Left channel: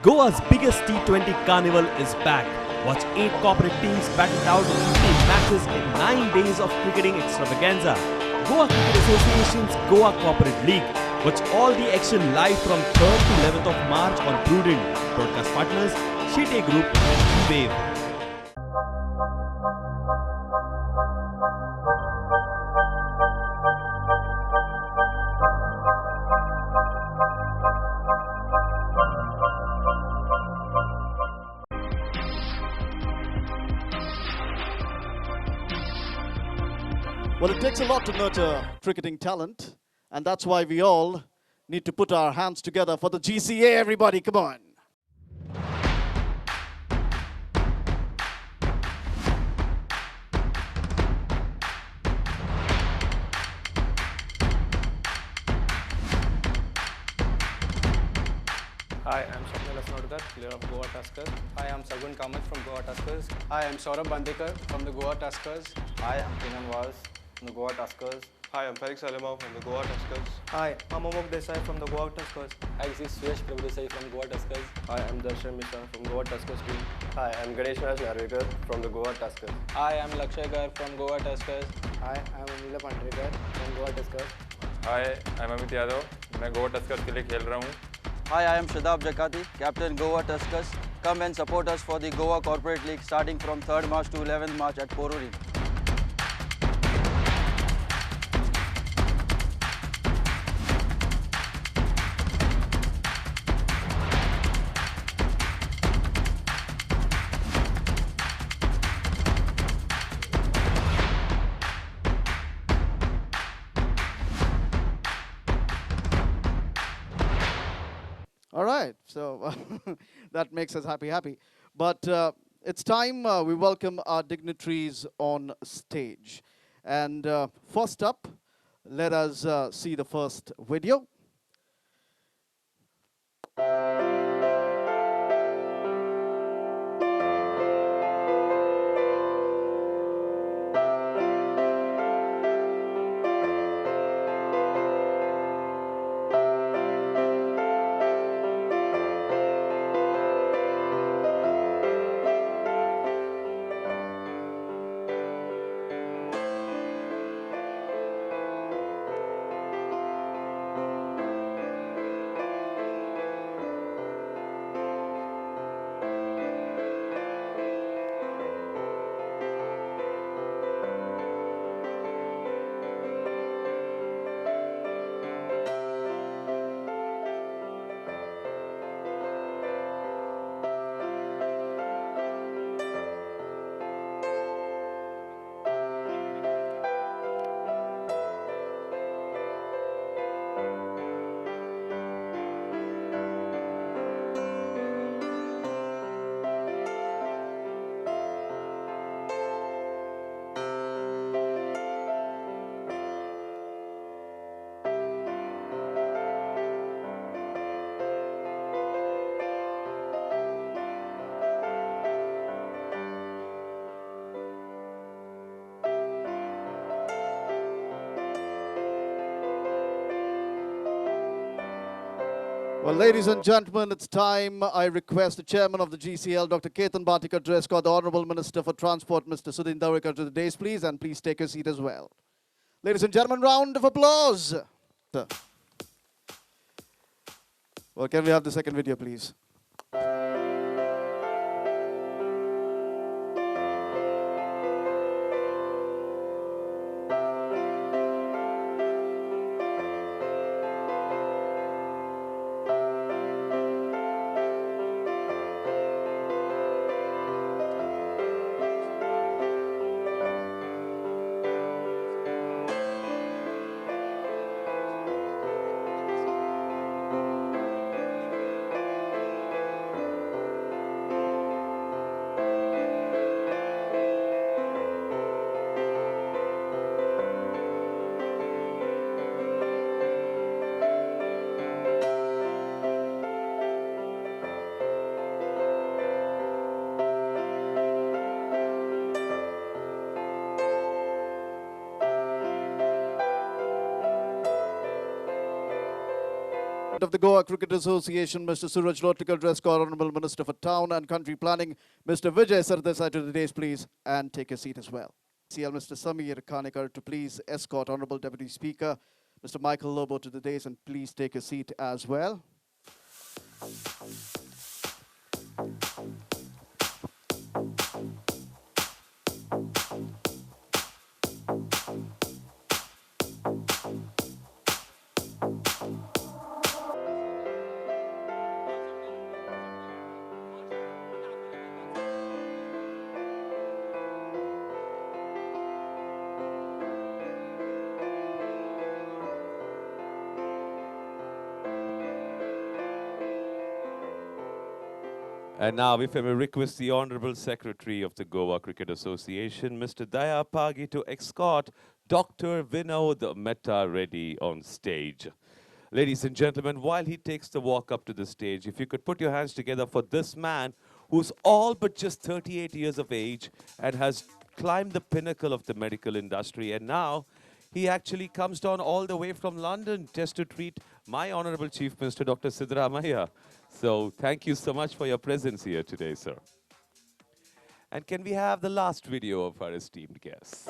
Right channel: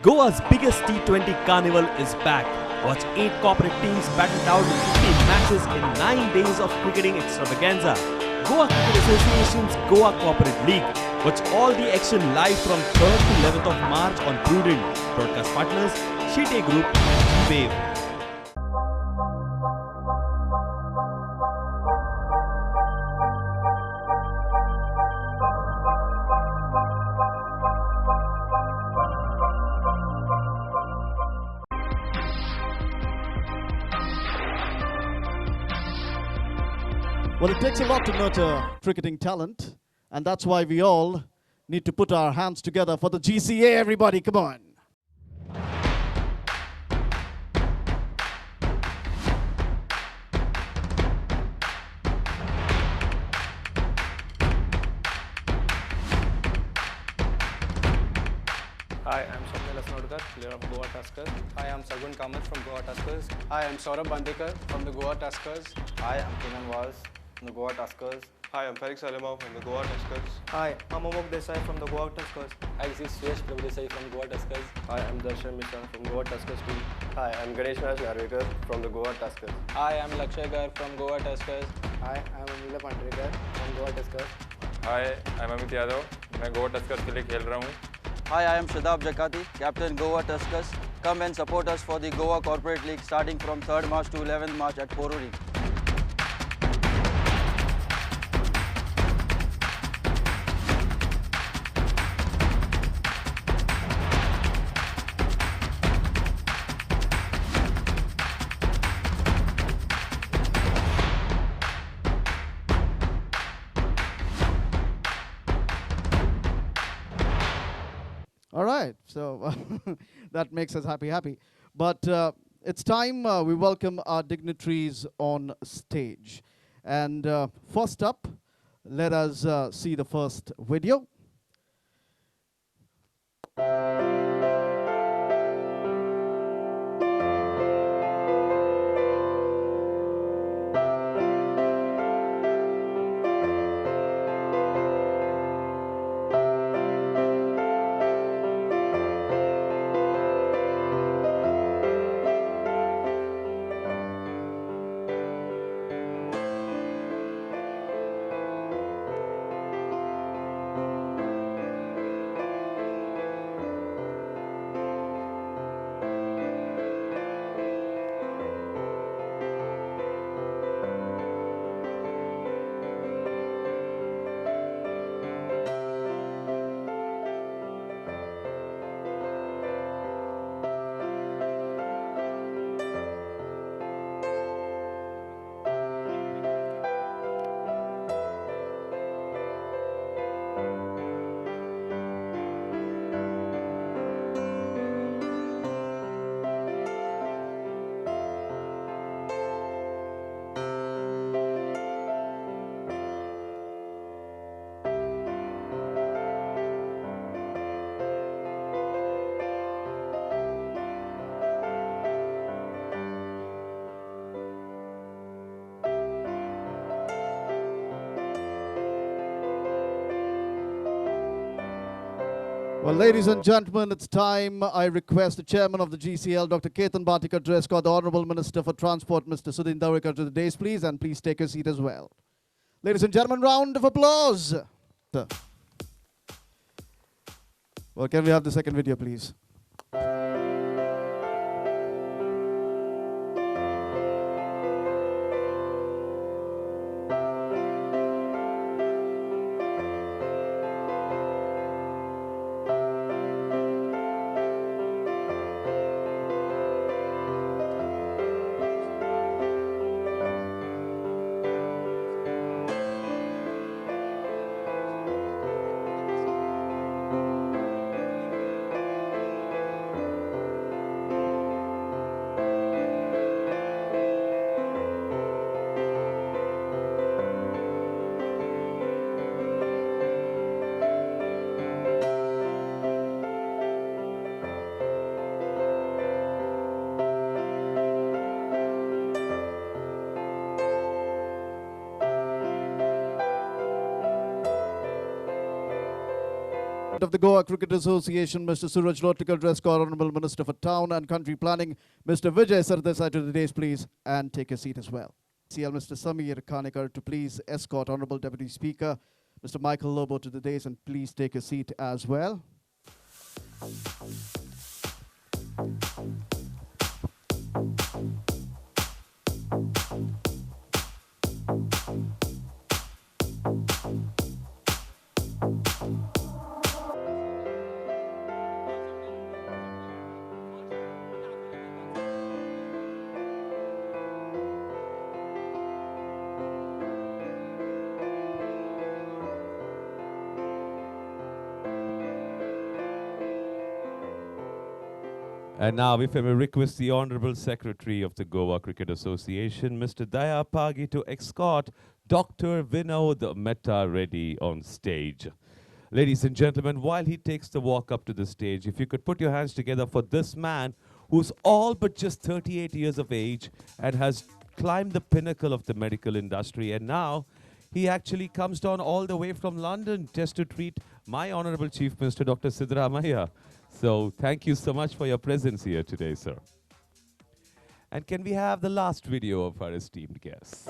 Goa's biggest T20 carnival is back. Watch 8 corporate teams battle it out in 15 matches in 9 days of cricketing extravaganza. Goa Cricket Association's Goa Corporate League. Watch all the action live from 3rd to 11th of March on Prudent. Broadcast partners, Shite Group and Wave. Well, it takes a lot to nurture cricketing talent, and that's why we all need to put our hands together for the GCA, everybody, come on. Hi, I'm Swapnil Asnodkar, player of Goa Tuskers. Hi, I'm Sargun Kamath from Goa Tuskers. Hi, I'm Saurabh Bandekar from the Goa Tuskers. Hi, I'm Kenan Waz from the Goa Tuskers. Hi, I'm Farik Salimov from the Goa Tuskers. Hi, I'm Amok Desai from the Goa Tuskers. Hi, this is Suyash Prabhudesai from Goa Tuskers. Hi, I'm Darshan Mishra from Goa Tuskers team. Hi, I'm Ganesh Raj Narvekar from the Goa Tuskers. Hi, I'm Lakshay Gar from Goa Tuskers. Hi, I'm Anila Pandrekar from Goa Tuskers. Hi, I'm Amit Yadav. मैं Goa Tuskers के लिए खेल रहा हूँ. Hi, I am Shadab Jakati, captain Goa Tuskers. Come and support us for the Goa Corporate League starting from 3rd March to 11th March at Poruri. All right, so that makes us happy. But it's time we welcome our dignitaries on stage. And first up, let us see the first video. Well, ladies and gentlemen, it's time I request the chairman of the GCL, Dr. Ketan Bhatikar, to escort the Honorable Minister for Transport, Mr. Sudhin Dawekar, to the dais, please, and please take your seat as well. Ladies and gentlemen, round of applause. Well, can we have the second video, please? of the Goa Cricket Association, Mr. Suraj Lotikar, Dress Code Honorable Minister for Town and Country Planning, Mr. Vijay Sardesai to the dais, please, and take a seat as well. CL Mr. Samir Khanekar to please escort Honorable Deputy Speaker, Mr. Michael Lobo to the dais, and please take a seat as well. And now, if I may request the Honorable Secretary of the Goa Cricket Association, Mr. Daya Pagi, to escort Dr. Vinod Mehta Reddy on stage. Ladies and gentlemen, while he takes the walk up to the stage, if you could put your hands together for this man who's all but just 38 years of age and has climbed the pinnacle of the medical industry, and now he actually comes down all the way from London just to treat my Honorable Chief Minister, Dr. Siddaramaiah. So thank you so much for your presence here today, sir. And can we have the last video of our esteemed guests?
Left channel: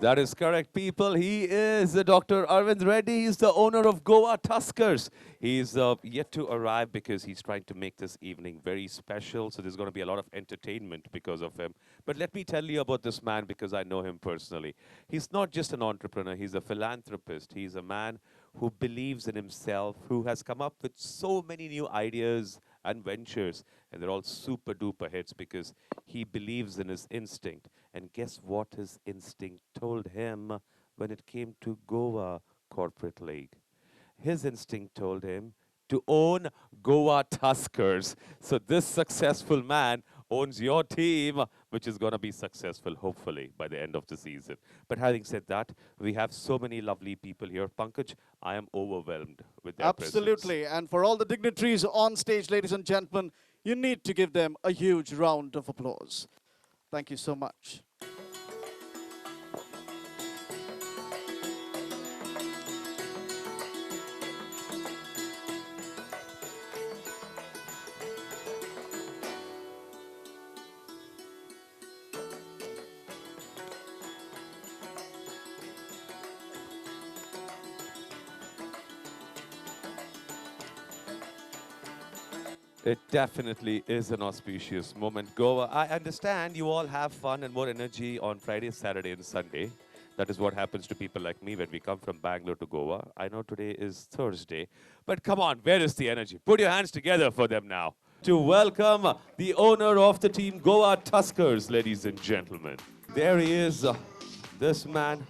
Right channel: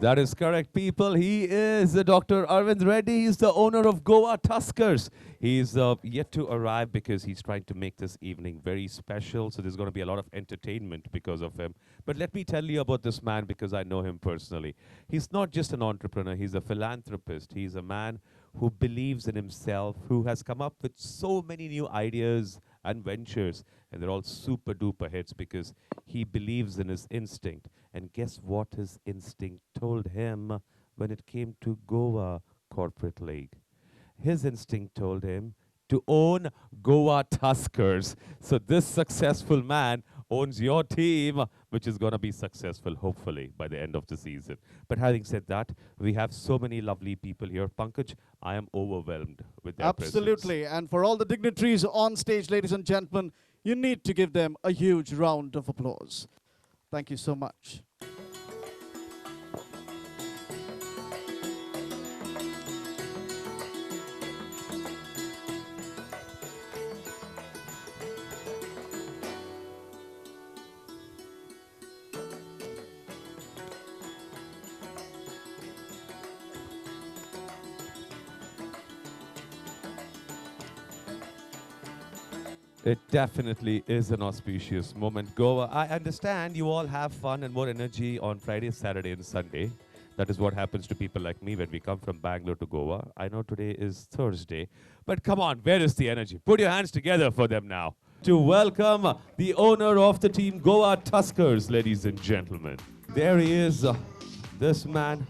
That is correct, people. He is Dr. Arvind Reddy. He's the owner of Goa Tuskers. He's yet to arrive because he's trying to make this evening very special. So there's going to be a lot of entertainment because of him. But let me tell you about this man because I know him personally. He's not just an entrepreneur. He's a philanthropist. He's a man who believes in himself, who has come up with so many new ideas and ventures. And they're all super duper hits because he believes in his instinct. And guess what his instinct told him when it came to Goa Corporate League? His instinct told him to own Goa Tuskers. So this successful man owns your team, which is going to be successful, hopefully, by the end of the season. But having said that, we have so many lovely people here. Pankaj, I am overwhelmed with their Absolutely. presence. And for all the dignitaries on stage, ladies and gentlemen, you need to give them a huge round of applause. Thank you so much. It definitely is an auspicious moment. Goa, I understand you all have fun and more energy on Friday, Saturday, and Sunday. That is what happens to people like me when we come from Bangalore to Goa. I know today is Thursday, but come on, where is the energy? Put your hands together for them now. To welcome the owner of the team, Goa Tuskers, ladies and gentlemen. There he is, this man.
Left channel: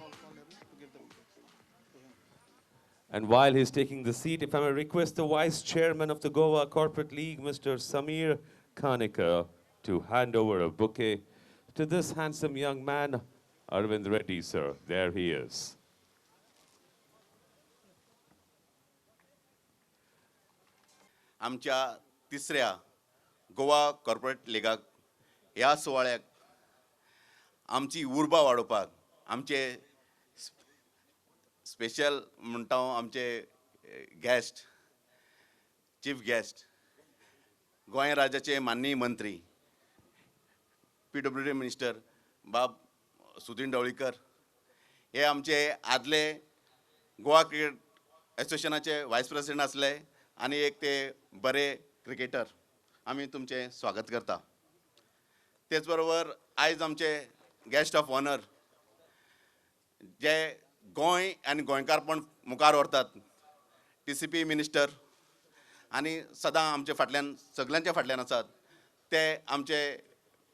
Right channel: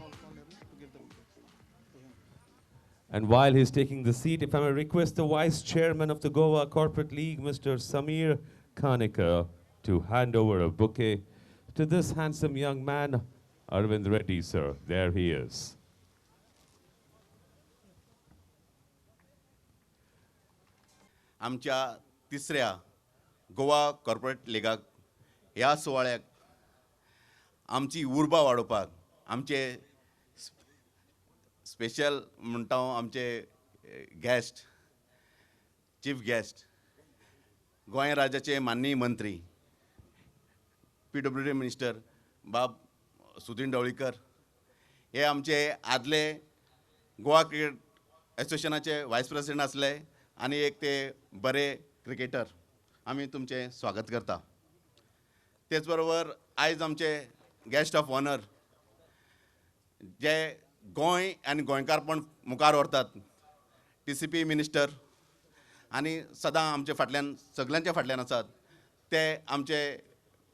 And while he's taking the seat, if I may request the Vice Chairman of the Goa Corporate League, Mr. Samir Khanekar, to hand over a bouquet to this handsome young man, Arvind Reddy, sir. There he is. आमच्या तिसऱ्या Goa corporate लिगाक ह्या सुवाळ्याक आमची उर्बा वाडोवपाक आमचे special म्हणटा हांव आमचे गॅस्ट चीफ गॅस्ट गोंय राज्याचे माननीय मंत्री PWD मिनिस्टर बाब सुदीन ढवळीकर, हे आमचे आदले गोवा क्रिकेट एसोसिएशनाचे व्हायस प्रेसिडेंट असले आणि एक ते बरे क्रिकेटर, आम्ही तुमचे स्वागत करता. तेच बरोबर आयज आमचे गेस्ट ऑफ ऑनर जे गोंय आनी गोंयकारपण मुखार व्हरतात, TCP मिनिस्टर आणि सदां आमचे फाटल्यान सगळ्यांच्या फाटल्यान आसात ते आमचे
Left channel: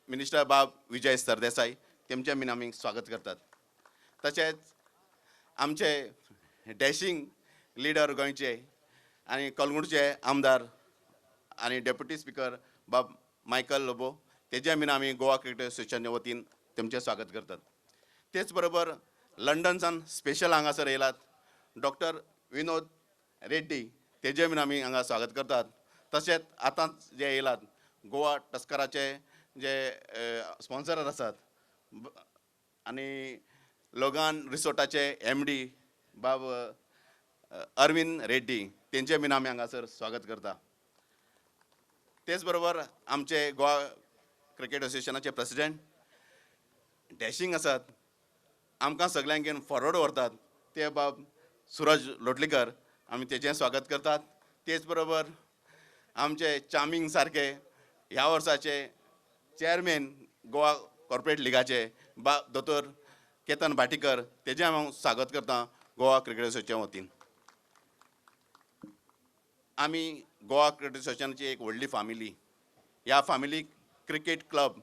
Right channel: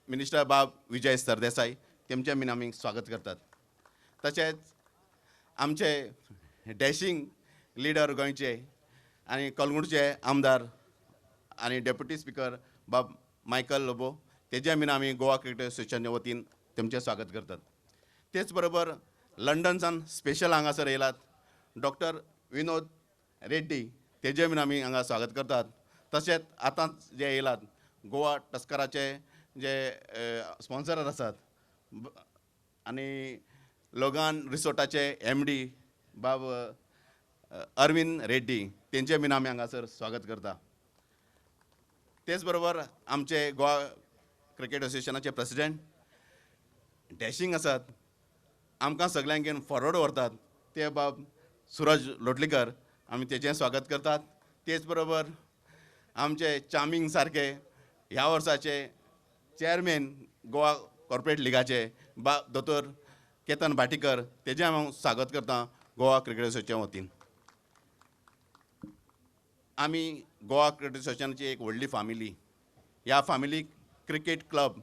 मिनिस्टर बाब विजय सरदेसाई, तेमचे बीन आमी स्वागत करतात. तशेंच आमचे डॅशिंग लिडर गोंयचे आनी कलंगूटचे आमदार आनी डेप्युटी स्पीकर बाब मायकल लोबो, तेजे बीन आमी गोवा क्रिकेट एसोसिएशनाच्या वतीन तेमचे स्वागत करतात. तेच बरोबर लंडनसान स्पेशल हांगासर येयलात डॉक्टर विनोद रेड्डी, तेजे बीन आमी हांगा स्वागत करतात. तशेंच आतांच जे येयलात गोवा टस्कराचे जे स्पॉन्सर आसात आनी लोगान रिसोर्टाचे MD बाब अरविंद रेड्डी, तेंचे बीन आमी हांगासर स्वागत करता. तेच बरोबर आमचे गोवा क्रिकेट एसोसिएशनाचे प्रेसिडेंट डॅशिंग आसात, आमकां सगळ्यांक घेवन फॉरवर्ड व्हरतात, ते बाब सुरज लोटलीकर, आमी तेजें स्वागत करतात. तेच बरोबर आमचे चार्मिंग सारके ह्या वर्साचे चेअरमॅन गोवा कॉर्पोरेट लिगाचे दोतोर केतन भाटीकर, तेजें हांव स्वागत करता गोवा क्रिकेट एसोसिएशनाच्या वतीन. आमी गोवा क्रिकेट एसोसिएशनाची एक व्हडली फामिली, ह्या फामिलीक क्रिकेट क्लब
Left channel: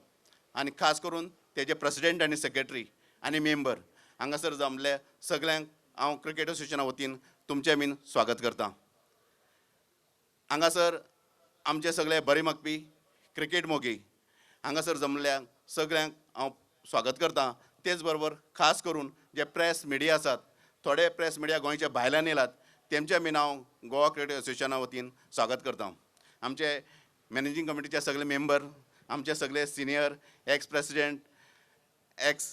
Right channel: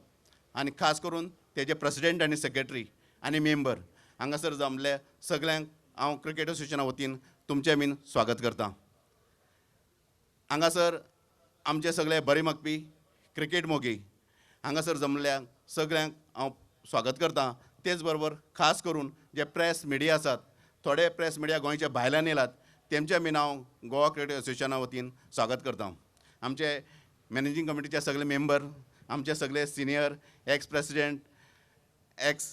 आनी खास करून तेजे प्रेसिडेंट आनी सेक्रेटरी आनी मेंबर हांगासर जमले सगळ्यांक हांव क्रिकेट एसोसिएशना वतीन तुमचें बीन स्वागत करता. हांगासर आमचे सगळे बरे मागपी क्रिकेट मोगी हांगासर जमल्यांक सगळ्यांक हांव स्वागत करता. तेच बरोबर खास करून जे प्रेस मिडिया आसात, थोडे प्रेस मिडिया गोंयच्या भायल्यान येयलात, तेमचें बीन हांव गोवा क्रिकेट एसोसिएशना वतीन स्वागत करता. आमचे मॅनेजींग कमिटीचे सगळे मेंबर, आमचे सगळे senior ex president, x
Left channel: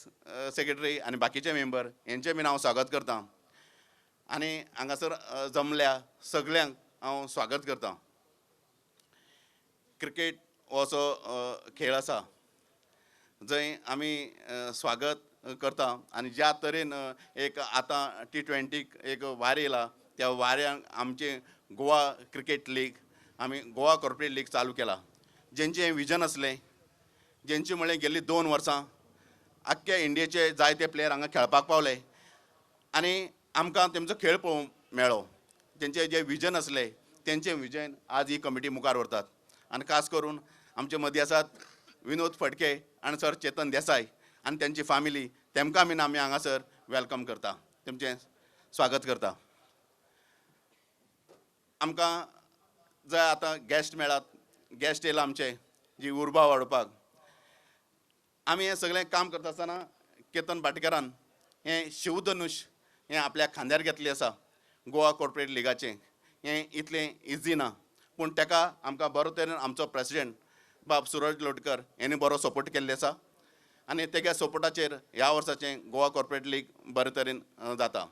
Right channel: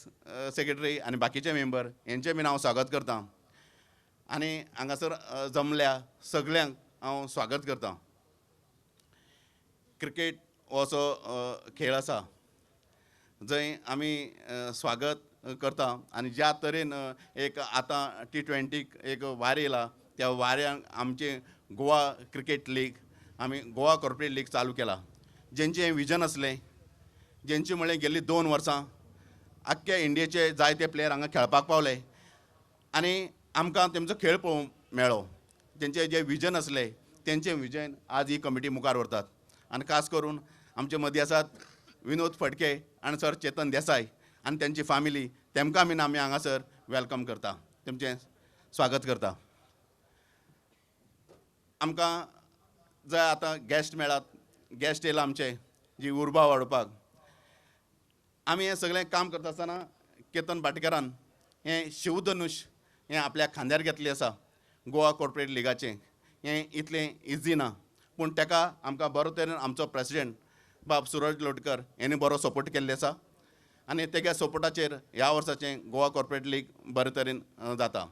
secretary आनी बाकीचे मेंबर, हेंचें बीन हांव स्वागत करता. आनी हांगासर जमल्या सगळ्यांक हांव स्वागत करता. क्रिकेट हो असो खेळ आसा जंय आमी स्वागत करता आनी ज्या तरेन एक आतां T20 एक वार येयला, त्या वाऱ्यांक आमचे गोवा क्रिकेट लीग, आमी गोवा कॉर्पोरेट लीग चालू केला. जेंचें विजन आसलें, जेंचे म्हळ्यार गेल्ली 2 वर्सां आख्ख्या इंडियेचे जायते प्लेयर हांगा खेळपाक पावले आनी आमकां तेंचो खेळ पळोवंक मेळ्ळो. तेंचें जें विजन आसलें, तेंचें विजन आज ही कमिटी मुखार व्हरतात. आनी खास करून आमचे मदीं आसात विनोद फडके आनी सर चेतन देसाय आनी तेंची फामिली, तेमकां बीन आमी हांगासर वेलकम करता, तेमचें स्वागत करता. आमकां जर आतां गेस्ट मेळ्ळात, गेस्ट येयला आमचे जी उर्बा वाडोवपाक, आमी हें सगळें काम करता आसतना केतन भाटकरान हें शिवधनुश हें आपल्या खांद्यार घेतलें आसा गोवा कॉर्पोरेट लिगाचें. हें इतलें इजी ना, पूण ताका आमकां बरो तरेन आमचो प्रेसिडेंट बाब सुरज लोटकर हेणी बरो सपोर्ट केल्ले आसा आनी तेच्या सपोर्टाचेर ह्या वर्साचें गोवा कॉर्पोरेट लीग बरे तरेन जाता.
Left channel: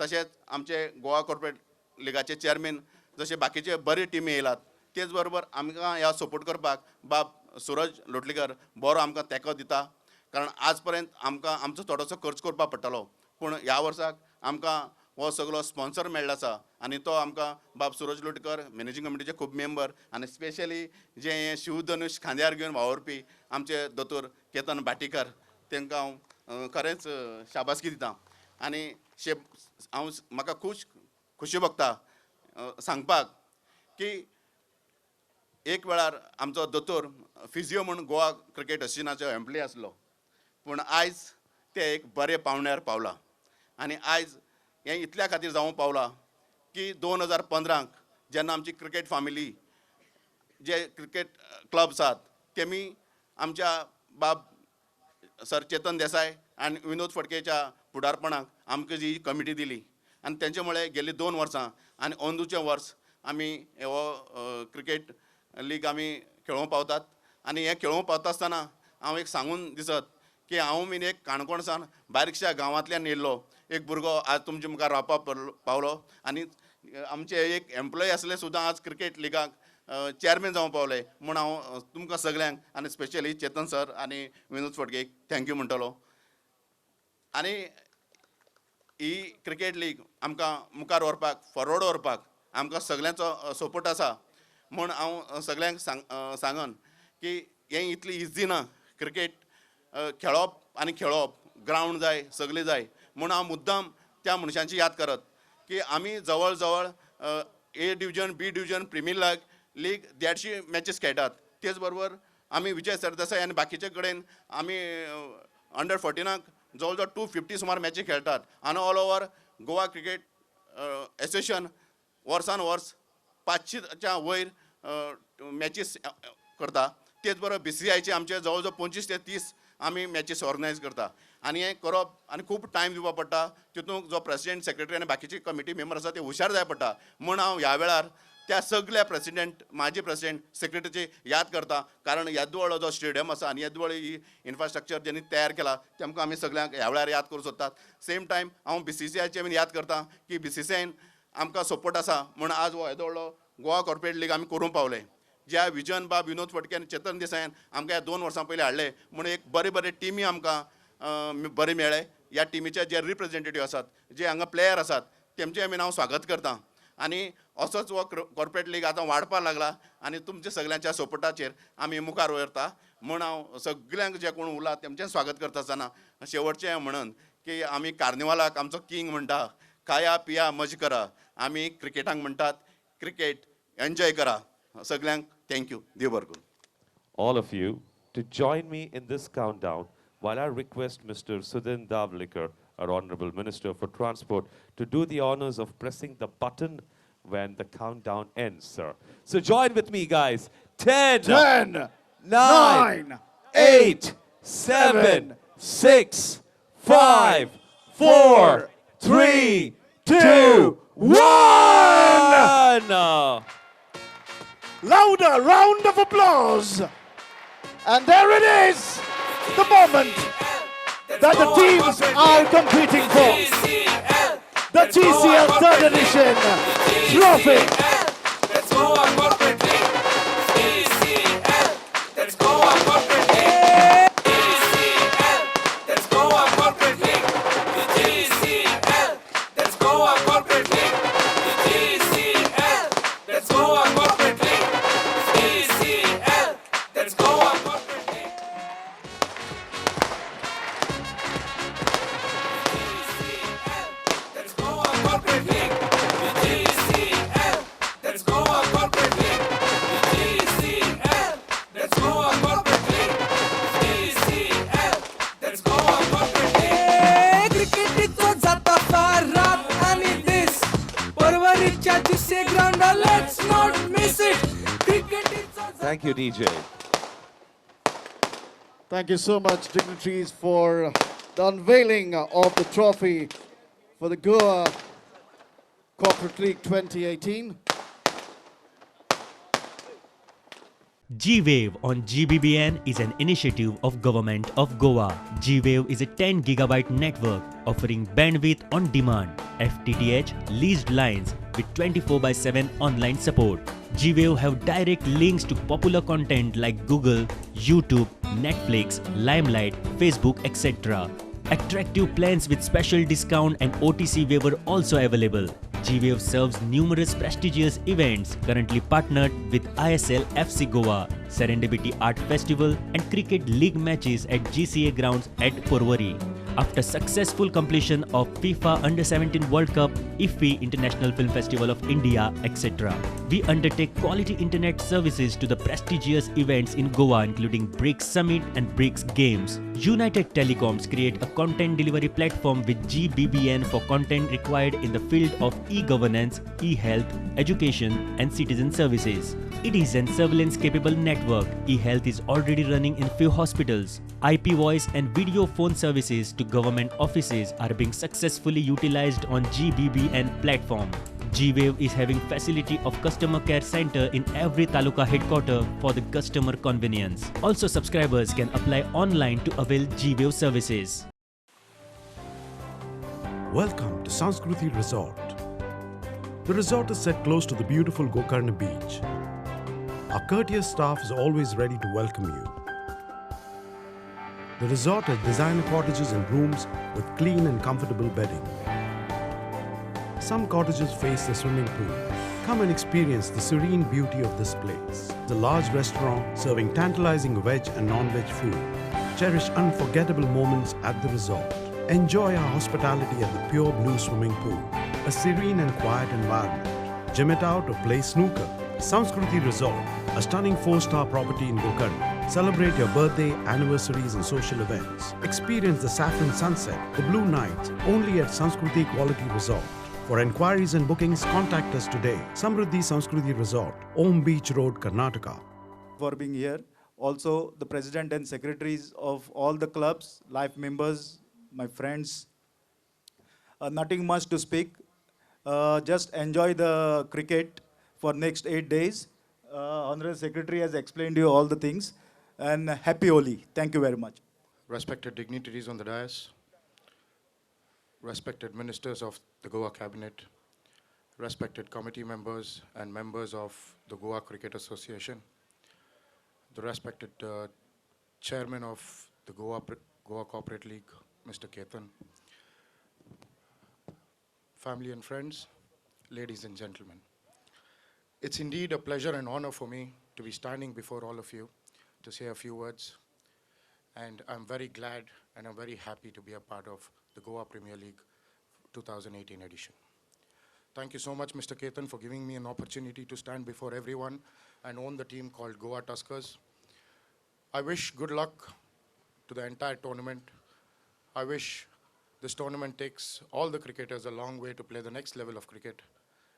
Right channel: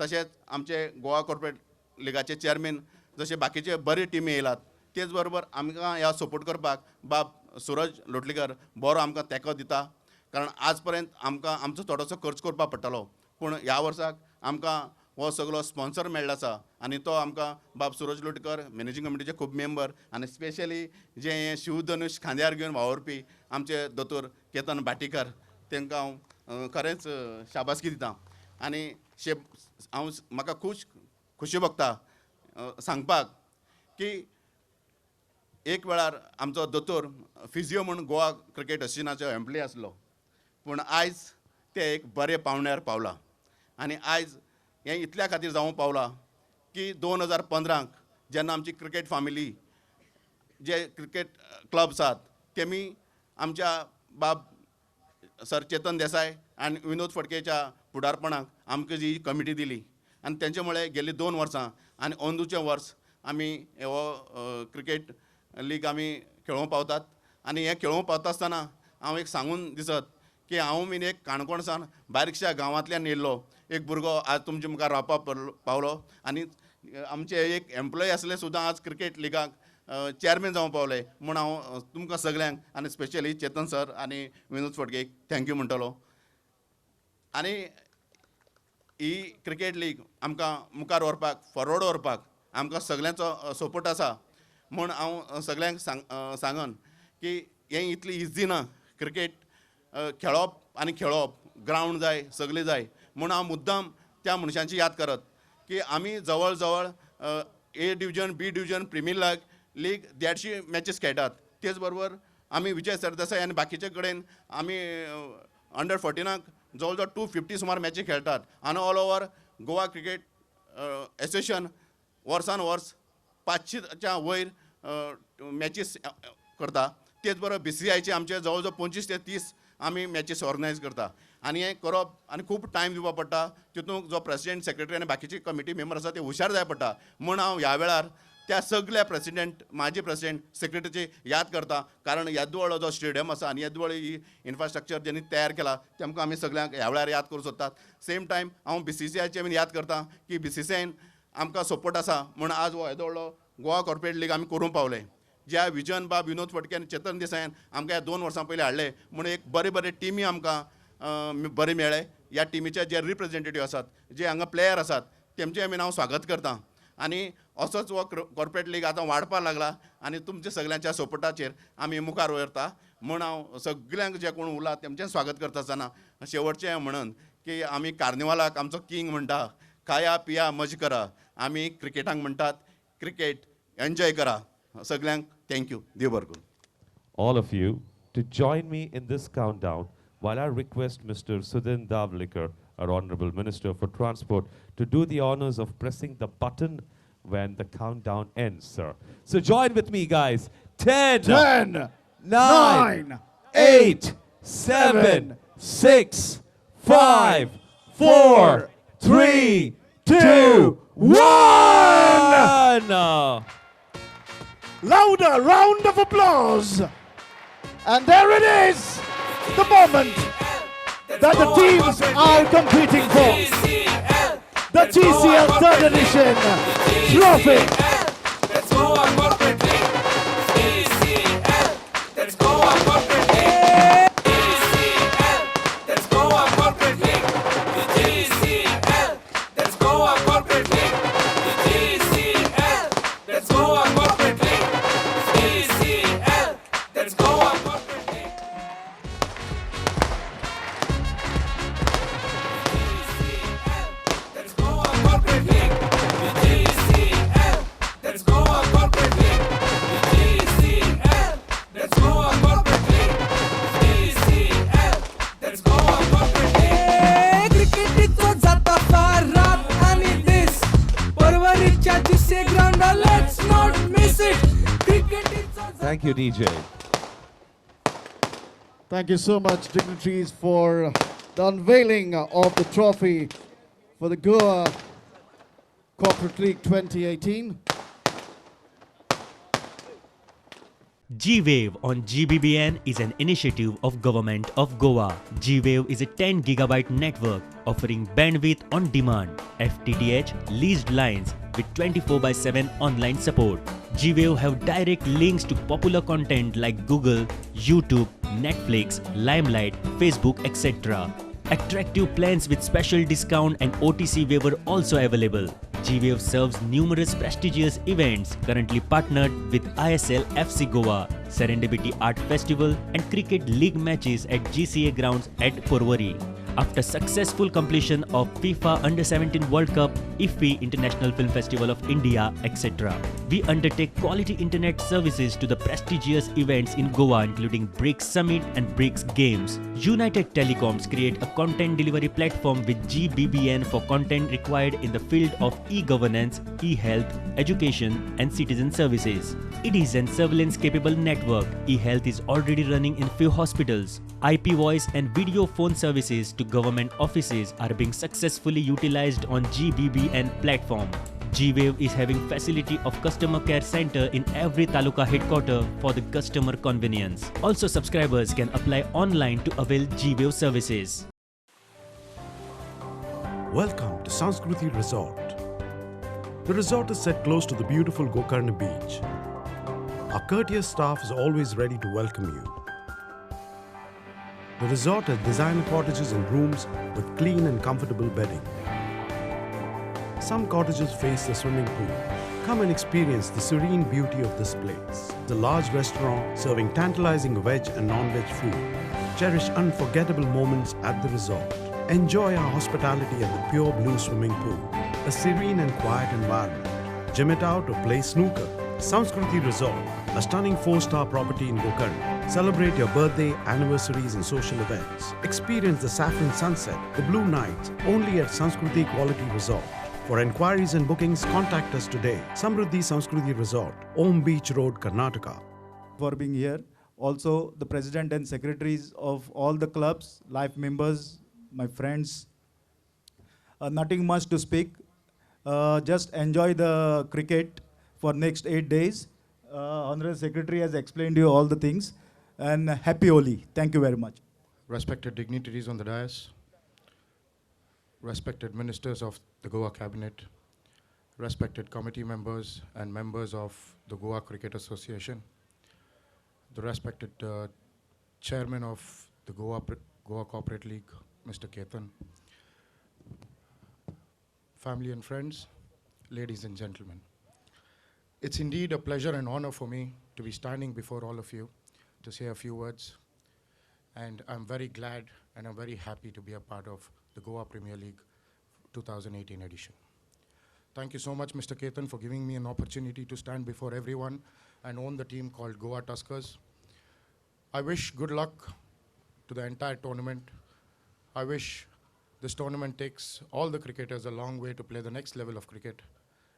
तशेंच आमचे गोवा कॉर्पोरेट लिगाचे चेअरमॅन जशे बाकीचे बरे टिमी येयलात, तेच बरोबर आमकां ह्या सपोर्ट करपाक बाब सुरज लोटलीकर बरो आमकां तेंको दिता. कारण आज पर्यंत आमकां आमचो थोडोसो खर्च करपाक पडटालो, पूण ह्या वर्साक आमकां हो सगळो स्पॉन्सर मेळ्ळो आसा आनी तो आमकां बाब सुरज लोटकर, मॅनेजींग कमिटीचे खूब मेंबर आनी स्पेशली जे हें शिवधनुश खांद्यार घेवन वावरपी आमचे दोतोर केतन भाटीकर, तांकां हांव खरेंच शाबासकी दिता. आनी हांव म्हाका खुशी भोगता सांगपाक की एक वेळार आमचो दोतोर फिजिओ म्हणून गोवा क्रिकेट एसोसिएशनाचो एम्प्लॉय आसलो, पूण आयज ते एक बरे पावण्यार पावला. आनी आयज हें इतल्या खातीर जावूं पावला की 2015 जेन्ना आमची क्रिकेट फामिली जे क्रिकेट क्लब्स आसात तेमी आमच्या बाब सर चेतन देसाय आनी विनोद फडकेच्या फुडारपणाक आमकां जी कमिटी दिली आनी तेंचे मुळे गेल्ली 2 वर्सां आनी अंदूचें वर्स आमी हो क्रिकेट लीग आमी खेळोवंक पावतात. आनी हें खेळोवंक पावता आसतना हांव एक सांगून दिसत की हांव बीन एक काणकोणसान बारीकशा गांवांतल्यान येयल्लो एक भुरगो आज तुमचे मुखार रावपाक पावलो आनी आमचे एक एम्प्लॉय आसले सुद्दां आज क्रिकेट लिगाक चेअरमॅन जावं पावले म्हूण हांव तुमकां सगल्यांक आनी स्पेशली चेतन सर आनी विनोद फडकेक थँक्यू म्हणटलो. आनी ही क्रिकेट लीग आमकां मुखार व्हरपाक फॉरवर्ड व्हरपाक आमकां सगल्यांचो सपोर्ट आसा म्हूण हांव सगल्यांक सांगन की हें इतली इजी ना. क्रिकेट खेळप आनी खेळप, ग्रावंड जाय, सगळें जाय म्हूण हांव मुद्दाम त्या मनशांची याद करत की आमी जवळ जवळ A division, B division, premier league 150 matches खेळटात. तेच बरोबर आमी विजय सरदेसाय आनी बाकीचे कडेन आमी अंडर 14 जवळ जवळ 250 सुमार मॅची खेळटात. आनी all over Goa cricket association वर्सान वर्स 500च्या वयर मॅचीस करता. तेच बरोबर BCCIचे आमचे जवळ जवळ 25 ते 30 आमी मॅचीस ऑर्गनायज करता. आनी हें करप आनी खूब टायम दिवपा पडटा. तितूंत जो प्रेसिडेंट, सेक्रेटरी आनी बाकीचे कमिटी मेंबर आसा ते हुशार जाय पडटा. म्हूण हांव ह्या वेळार त्या सगळ्या प्रेसिडेंट, माजी प्रेसिडेंट, सेक्रेटरीची याद करता. कारण येदव्हळ जो स्टेडियम आसा आनी येदव्हळ ही इन्फ्रास्ट्रक्चर जेणी तयार केला तेमकां आमी सगळ्यांक ह्या वेळार याद करूं सोदतात. सेम टायम हांव BCCIचे बीन याद करता की BCCIन आमकां सपोर्ट आसा म्हूण आज हो येदव्हळो गोवा कॉर्पोरेट लीग आमी करूं पावले. ज्या विजन बाब विनोद फडके आनी चेतन देसायान आमकां ह्या 2 वर्सां पयलीं हाडले म्हूण एक बरे टिमी आमकां बरे मेळ्ळे. ह्या टिमीचे जे रिप्रेझेंटेटीव आसात, जे हांगा प्लेयर आसात, तेमचें बीन हांव स्वागत करतां. आनी असोच हो कॉर्पोरेट लीग आतां वाडपाक लागला आनी तुमच्या सगळ्यांच्या सपोर्टाचेर आमी मुखार वयता म्हूण हांव सगळ्यांक जे कोण उरला तेमचें स्वागत करता आसतना शेवटचें म्हणन की आमी कार्निवालाक आमचो किंग म्हणटा, खाया पिया मज करा. आमी क्रिकेटाक म्हणटात क्रिकेट एन्जॉय करा. सगळ्यांक थँक्यू. देव बरें करूं. All of you to join me in this countdown while I request Mr. Sudhin Davlikar, our Honorable Minister for Transport, to do the honors of pressing the button when the countdown ends, sir. So join with me, guys. 10, 9, 8, 7, 6, 5, 4, 3, 2, 1! Louder round of applause. And there it is, the moment that the teams are competing for. The TCL 3rd edition trophy. Let's go on corporate league. TCL. Let's go on corporate league. TCL. Let's go on corporate league. TCL. Let's go on corporate league. TCL. Let's go on corporate league. TCL. Let's go on corporate league. Let's go on corporate league. TCL. Let's go on corporate league. TCL. Let's go on corporate league. TCL. Let's go on corporate league. क्रिकेटीचो जाता फार रात आणि दीस परवरीच्या दिसे ground let's not miss it. क्रिकेटीचो Thank you, DJ. Thank you so much, dignitaries, for the unveiling of the trophy for the Goa Corporate League 2018. G-Wave on GBBN is an initiative of Government of Goa. G-Wave is a 10 gigabyte network offering bandwidth on demand, FTTH, leased lines with 24/7 online support. G-Wave have direct links to popular content like Google, YouTube, Netflix, Limelight, Facebook, etc. Attractive plans with special discount and OTC waiver also available. G-Wave serves numerous prestigious events, currently partnered with ISL FC Goa, Serendipity Art Festival and Cricket League matches at GCA grounds at Porvorim. After successful completion of FIFA Under-17 World Cup, IFFI International Film Festival of India, etc., we undertake quality internet services to the prestigious events in Goa including BRICS Summit and BRICS Games. United Telecoms create a content delivery platform with GBBN for content required in the field of e-governance, e-health, education and citizen services. It is an surveillance-capable network. E-health is already running in few hospitals. IP voice and video phone services to government offices are being successfully utilized on GBBN platform. G-Wave is having facility of customer care center in every taluka headquarter for the customer convenience. Also, subscribers can apply online to avail G-Wave services. Welcome to Sanskruti Resort. The resort is set close to the beautiful Gokarna beach. Our courteous staff is always ready to welcome you. The resort has designer cottages and rooms with clean and comfortable bedding. Some cottages face the swimming pool. Come and experience the serene beauty of this place. The large restaurant serving tantalizing veg and non-veg food. Cherish unforgettable moments at the resort. Enjoy our hospitality at the pure blue swimming pool. A serene and quiet environment. Gym it out or play snooker. Samskruti Resort, a stunning 4-star property in Gokarna. Celebrate your birthday, anniversaries and social events. Experience the saffron sunset, the blue nights, only at Samskruti Quality Resort. For enquiries and bookings, contact us today. Samruddhi Samskruti Resort, Om Beach Road, Karnataka. For being here. Also, the president and secretaries of all the clubs, life members, my friends. Nothing much to speak. Just enjoy the cricket for next 8 days. Honorable Secretary has explained you all the things. And happy Holi. Thank you very much. Respected dignitaries on the dais, respected ministers of the Goa Cabinet, respected committee members and members of the Goa Cricket Association, the respected chairman of the Goa Corporate League, Mr. Ketan, family and friends, ladies and gentlemen. It's indeed a pleasure and honor for me to be standing before all of you to say a few words. And I'm very glad and I'm very happy to be a part of the Goa Premier League 2018 edition. Thank you so much, Mr. Ketan, for giving me an opportunity to stand before everyone and own the team called Goa Tuskers. I wish good luck to the entire tournament. I wish this tournament takes all the cricketers a long way to play the next level of cricket.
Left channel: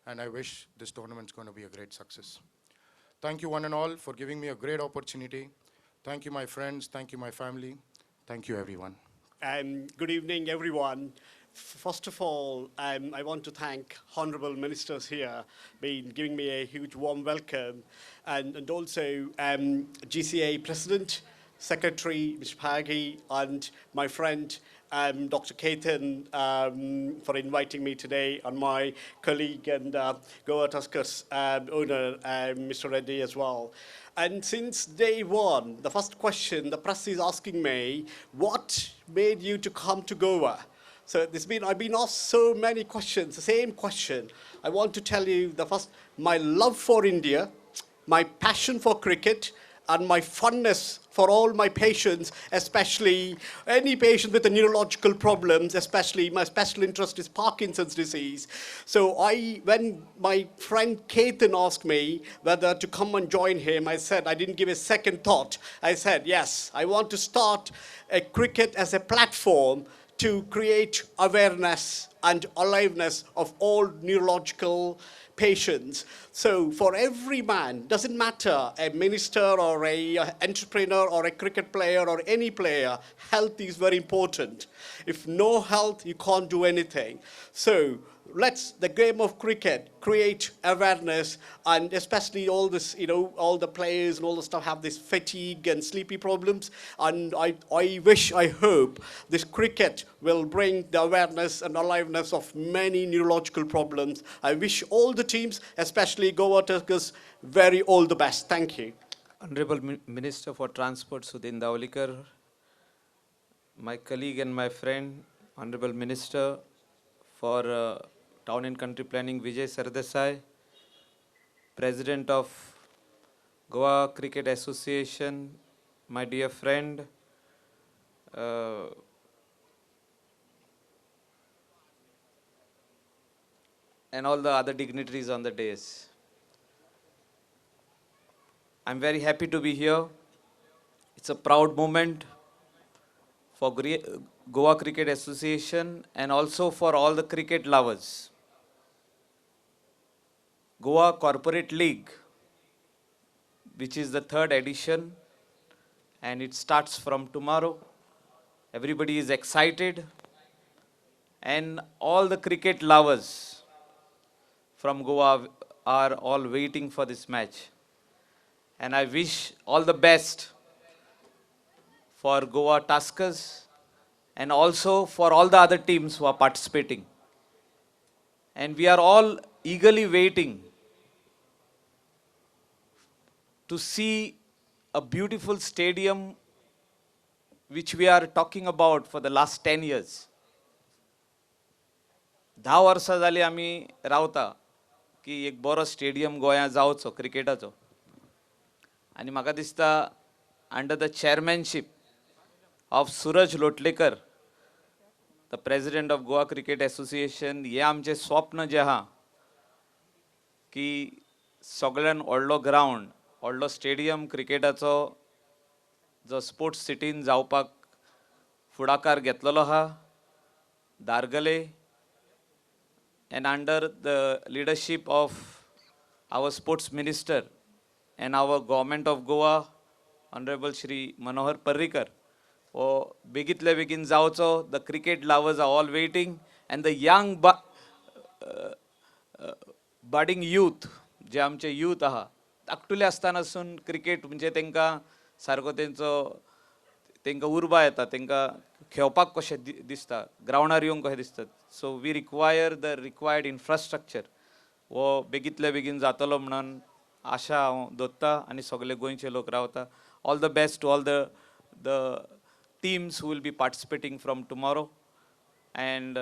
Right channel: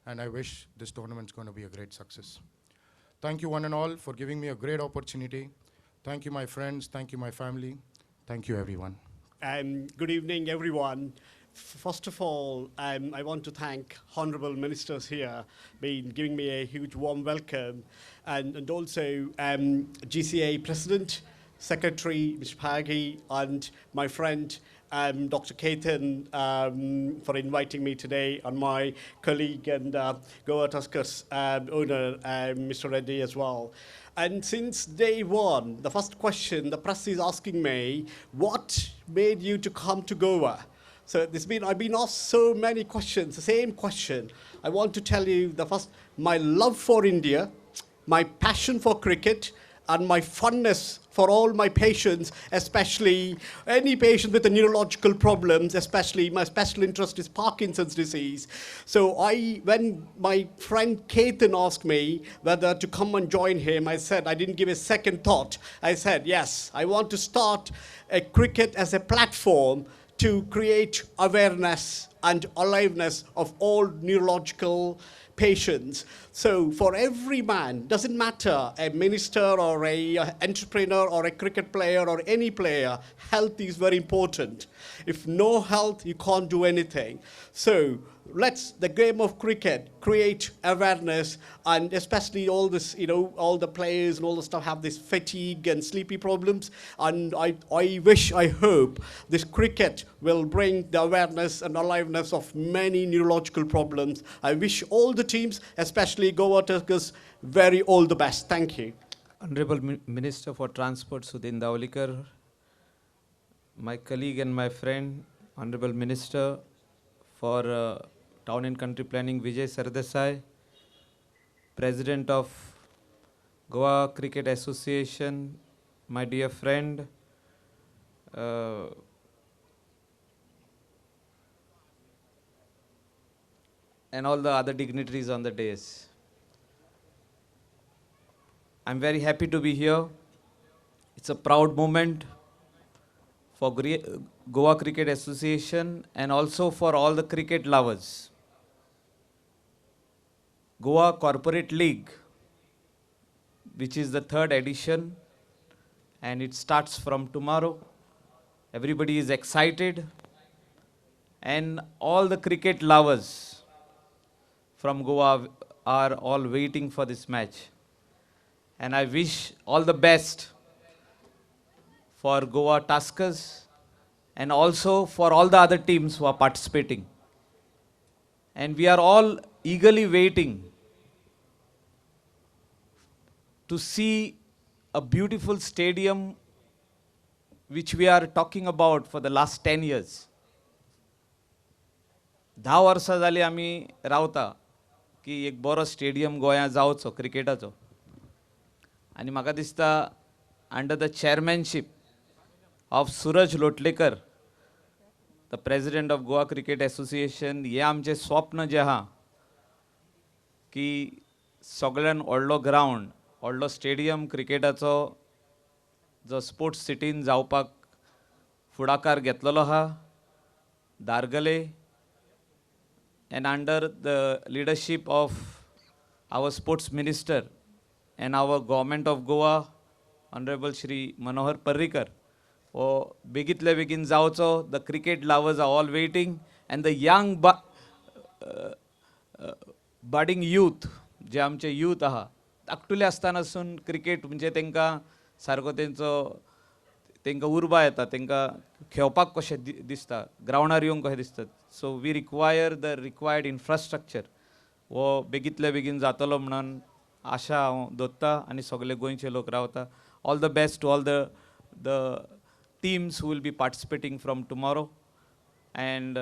And I wish this tournament's going to be a great success. Thank you one and all for giving me a great opportunity. Thank you, my friends. Thank you, my family. Thank you, everyone. Good evening, everyone. First of all, I want to thank honourable ministers here, giving me a huge warm welcome, and also GCA President, Secretary, Mr. Pagi, and my friend, Dr. Ketan, for inviting me today, and my colleague and Goa Tuskers owner, Mr. Reddy as well. And since day one, the first question the press is asking me, what made you to come to Goa? So I've been asked so many questions, the same question. I want to tell you the first, my love for India, my passion for cricket, and my fondness for all my patients, especially any patient with the neurological problems, especially my special interest is Parkinson's disease. So when my friend Ketan asked me whether to come and join him, I said, I didn't give a second thought. I said, yes, I want to start a cricket as a platform to create awareness and aliveness of all neurological patients. So for every man, doesn't matter, a minister or a entrepreneur or a cricket player or any player, health is very important. If no health, you can't do anything. So let's, the game of cricket, create awareness, and especially all this, all the players and all the stuff have this fatigue and sleepy problems. And I wish, I hope this cricket will bring the awareness and aliveness of many neurological problems. I wish all the teams, especially Goa Tuskers, very all the best. Thank you. Honorable Minister for Transport, Sudhin Daulikar, my colleague and my friend, Honorable Minister for Town and Country Planning, Vijay Sardesai, President of Goa Cricket Association, my dear friend, and all the other dignitaries on the dais. I'm very happy to be here. It's a proud moment for Goa Cricket Association and also for all the cricket lovers. Goa Corporate League, which is the 3rd edition, and it starts from tomorrow. Everybody is excited, and all the cricket lovers from Goa are all waiting for this match. And I wish all the best for Goa Tuskers and also for all the other teams who are participating. And we are all eagerly waiting to see a beautiful stadium which we are talking about for the last 10 years. 10 वर्सां जाली आमी रावता की एक बरो stadium गोंया जावचो क्रिकेटाचो. आनी म्हाका दिसता under the chairmanship of Suraj Lotlekar, the president of Goa cricket association, हे आमचें स्वप्न जें आहा की सगळ्यान व्हडलो ग्रावंड, व्हडलो स्टेडियम क्रिकेटाचो जो स्पोर्ट्स सिटीन जावपाक फुडाकार घेतलेलो आहा. दारगले and under the leadership of our sports minister and our government of Goa, Honorable Shri Manohar Parrikar, begitले begin जावचो. The cricket lovers are all waiting, and the young budding youth, जे आमचे youth आहा, धाकटुले आसतनासून cricket म्हणजे तांकां सारको तांकां उर्बा येता, तांकां खेळपाक कशें दिसता, ग्रावंडार येवंक कशें दिसता. So we require the required infrastructure. वो बेगीतले बेगीन जातलो म्हणून आशा हांव दवरता आनी सगळे गोंयचे लोक रावता. All the best to all the teams who will be participating from tomorrow, and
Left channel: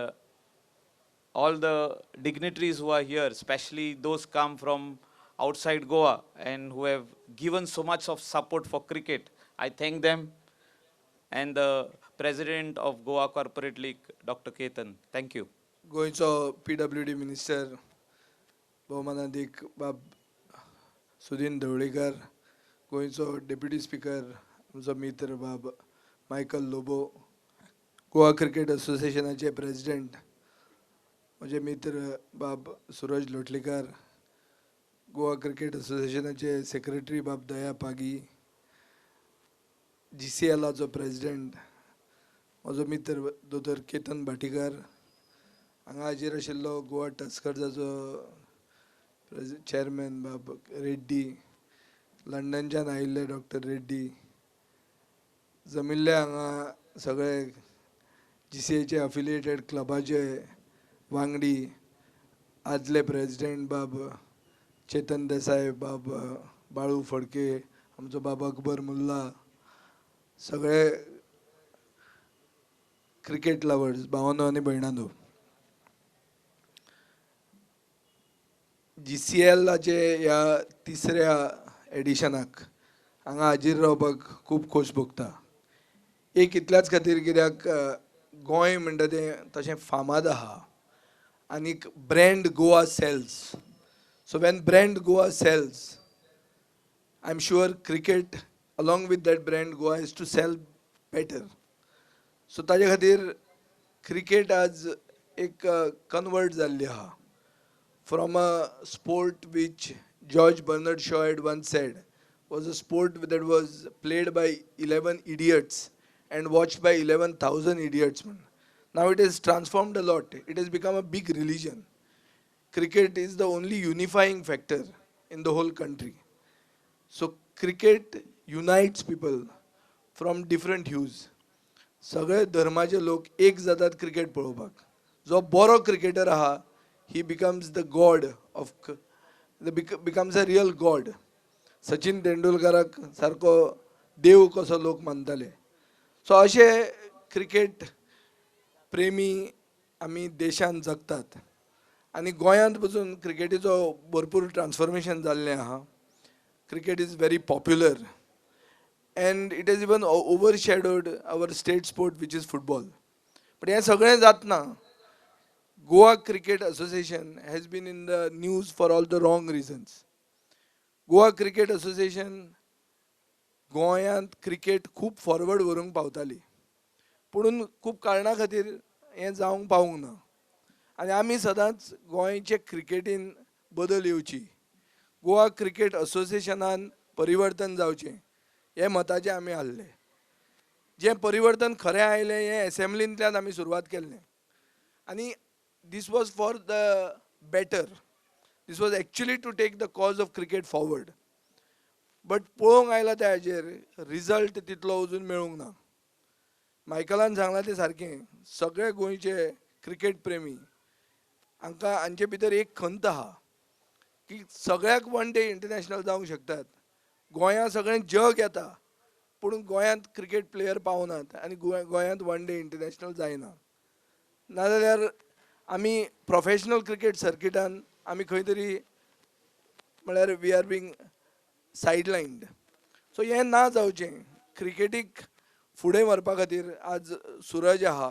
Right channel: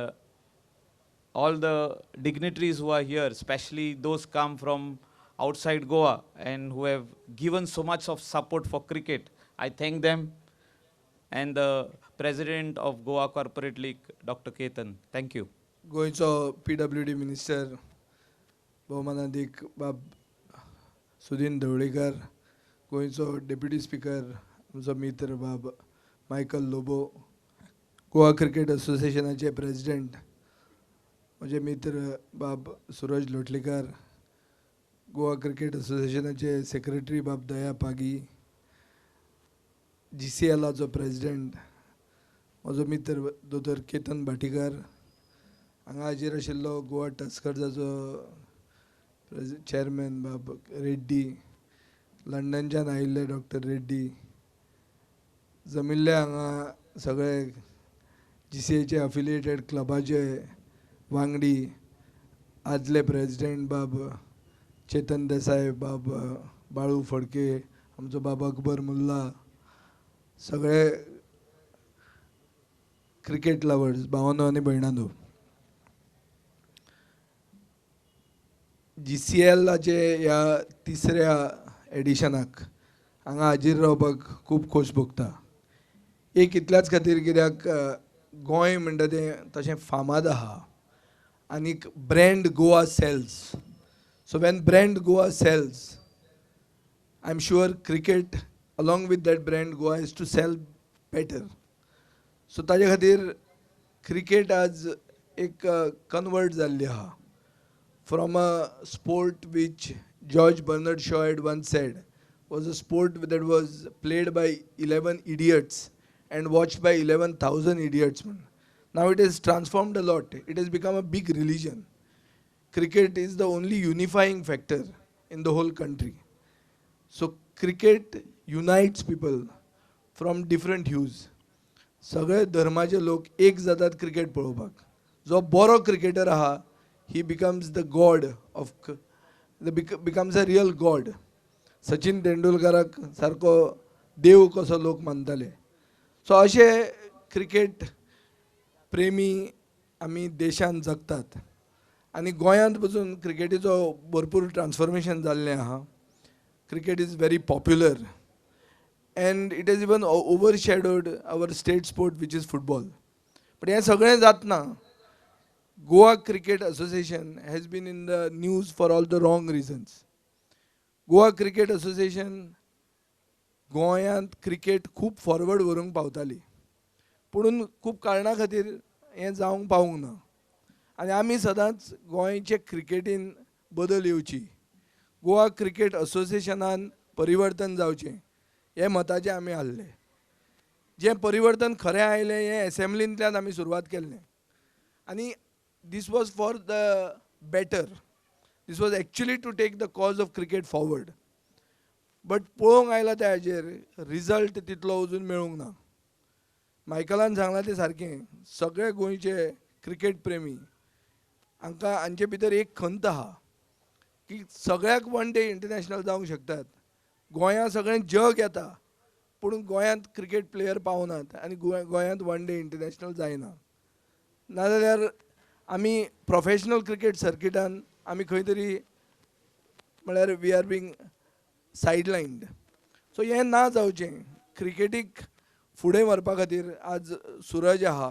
all the dignitaries who are here, especially those come from outside Goa and who have given so much of support for cricket. I thank them. And the president of Goa Corporate League, Dr. Ketan. Thank you. गोंयचो PWD minister भौमानाधिक बाब सुदीन ढवळीकर, गोंयचो deputy speaker आमचो मित्र Bab Michael Lobo, Goa cricket असोसिएशनाचे president म्हजे मित्र Bab Suraj Lotlekar, Goa cricket असोसिएशनाचे secretary Bab Daya Pagi, GCLाचो president म्हजो मित्र दोतोर केतन भाटीकर, हांगा हाजीर आशिल्लो गोवा टस्कर्साचो चेअरमॅन बाब रेड्डी, लंडनच्यान आयिल्ले डॉक्टर रेड्डी, जमिल्ले हांगा सगळे GCAचे अफिलिएटेड क्लबाचे वांगडी, आदले प्रेसिडेंट बाब चेतन देसाय, बाब बाळू फडके, आमचो बाब अकबर मुल्ला, सगळे क्रिकेट लवर्स भावांनो आनी भयणांनो. GCLाचे ह्या तिसऱ्या एडिशनाक हांगा हाजीर रावपाक खूब खोस भोगता. एक इतल्याच खातीर कित्याक गोंय म्हणटा तें तशें फामाद आहा आनीक brand Goa sells. So when brand Goa sells, I am sure cricket along with that brand Goa is to sell better. So ताजे खातीर क्रिकेट आज एक कन्वर्ट जाल्ली आहा from a sport which George Bernard Shaw had once said was a sport that was played by 11 idiots and watched by 11,000 idiots. Now it has transformed a lot. It has become a big religion. Cricket is the only unifying factor in the whole country. So cricket unites people from different hues. सगळे धर्माचे लोक एक जातात cricket पळोवपाक. जो बरो cricketer आहा, he becomes the god of, becomes a real god. Sachin तेंडुलकराक सारको देव कसो लोक मानताले. सो अशे क्रिकेट प्रेमी आमी देशान जगतात आनी गोंयांत पसून क्रिकेटीचो भरपूर ट्रान्सफॉर्मेशन जाल्लें आहा. Cricket is very popular and it has even overshadowed our state sport, which is football. But हे सगळें जातना Goa Cricket Association has been in the news for all the wrong reasons. Goa Cricket Association गोंयांत cricket खूब forward व्हरूंक पावताली, पूण खूब कारणां खातीर हें जावंक पावूंक ना. आनी आमी सदांच गोंयचे क्रिकेटीन बदल येवची, गोवा क्रिकेट असोसिएशनान परिवर्तन जावचें हे मताचें आमी हाडलें. जें परिवर्तन खरें आयलें हें एसेंब्लींतल्यान आमी सुरवात केल्लें आनी this was for the better. This was actually to take the cause of cricket forward. But पळोवंक आयलां त्या हाजेर रिजल्ट तितलो अजून मेळूंक ना. मायकलान सांगलां तें सारकें, सगळे गोंयचे क्रिकेट प्रेमी हांकां हांचे भितर एक खंत आहा की सगळ्याक वन डे इंटरनॅशनल जावंक शकतात, गोंया सगळें जग येता पूण गोंयांत क्रिकेट प्लेयर पावनात आनी गोंयांत वन डे इंटरनॅशनल जायना. नाजाल्यार आमी प्रोफेशनल क्रिकेट सर्किटान आमी खंय तरी म्हळ्यार वी आर बींग सायडलायन्ड. सो हें ना जावचें. क्रिकेटीक फुडें व्हरपा खातीर आज सुरज आहा.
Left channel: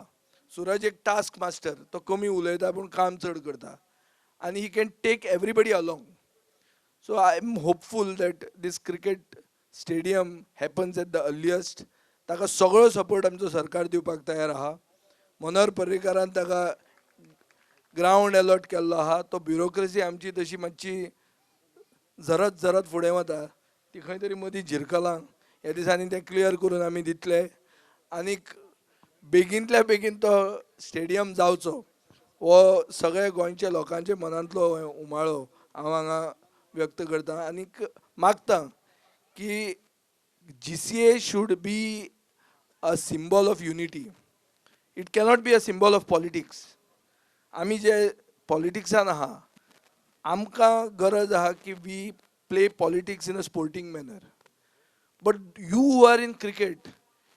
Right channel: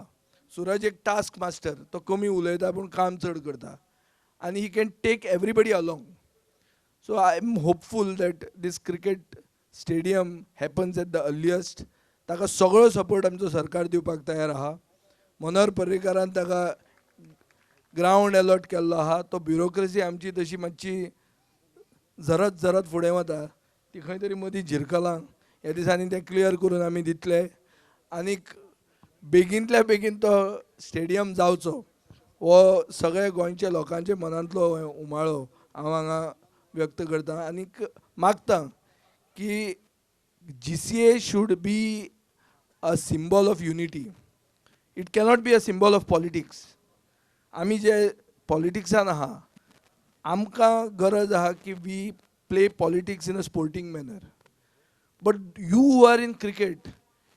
सुरज एक टास्क मास्टर, तो कमी उलयता पूण काम चड करता आनी he can take everybody along. So I am hopeful that this cricket stadium happens at the earliest. ताका सगळो सपोर्ट आमचो सरकार दिवपाक तयार आहा. मनोहर पर्रीकारान ताका ग्रावंड अलॉट केल्लो आहा. तो ब्युरोक्रेसी आमची तशी मातशी झरत फुडें वता, ती खंय तरी मदीं झिरकलां. ह्या दिसांनी तें क्लियर करून आमी दितले आनीक बेगींतल्या बेगीन तो स्टेडियम जावचो हो सगळ्या गोंयच्या लोकांच्या मनांतलो उमाळो हांव हांगा व्यक्त करतां आनीक मागतां की GCA should be a symbol of unity. It cannot be a symbol of politics. आमी जे पॉलिटिक्सान आहा आमकां गरज आहा की we play politics in a sporting manner. But you who are in cricket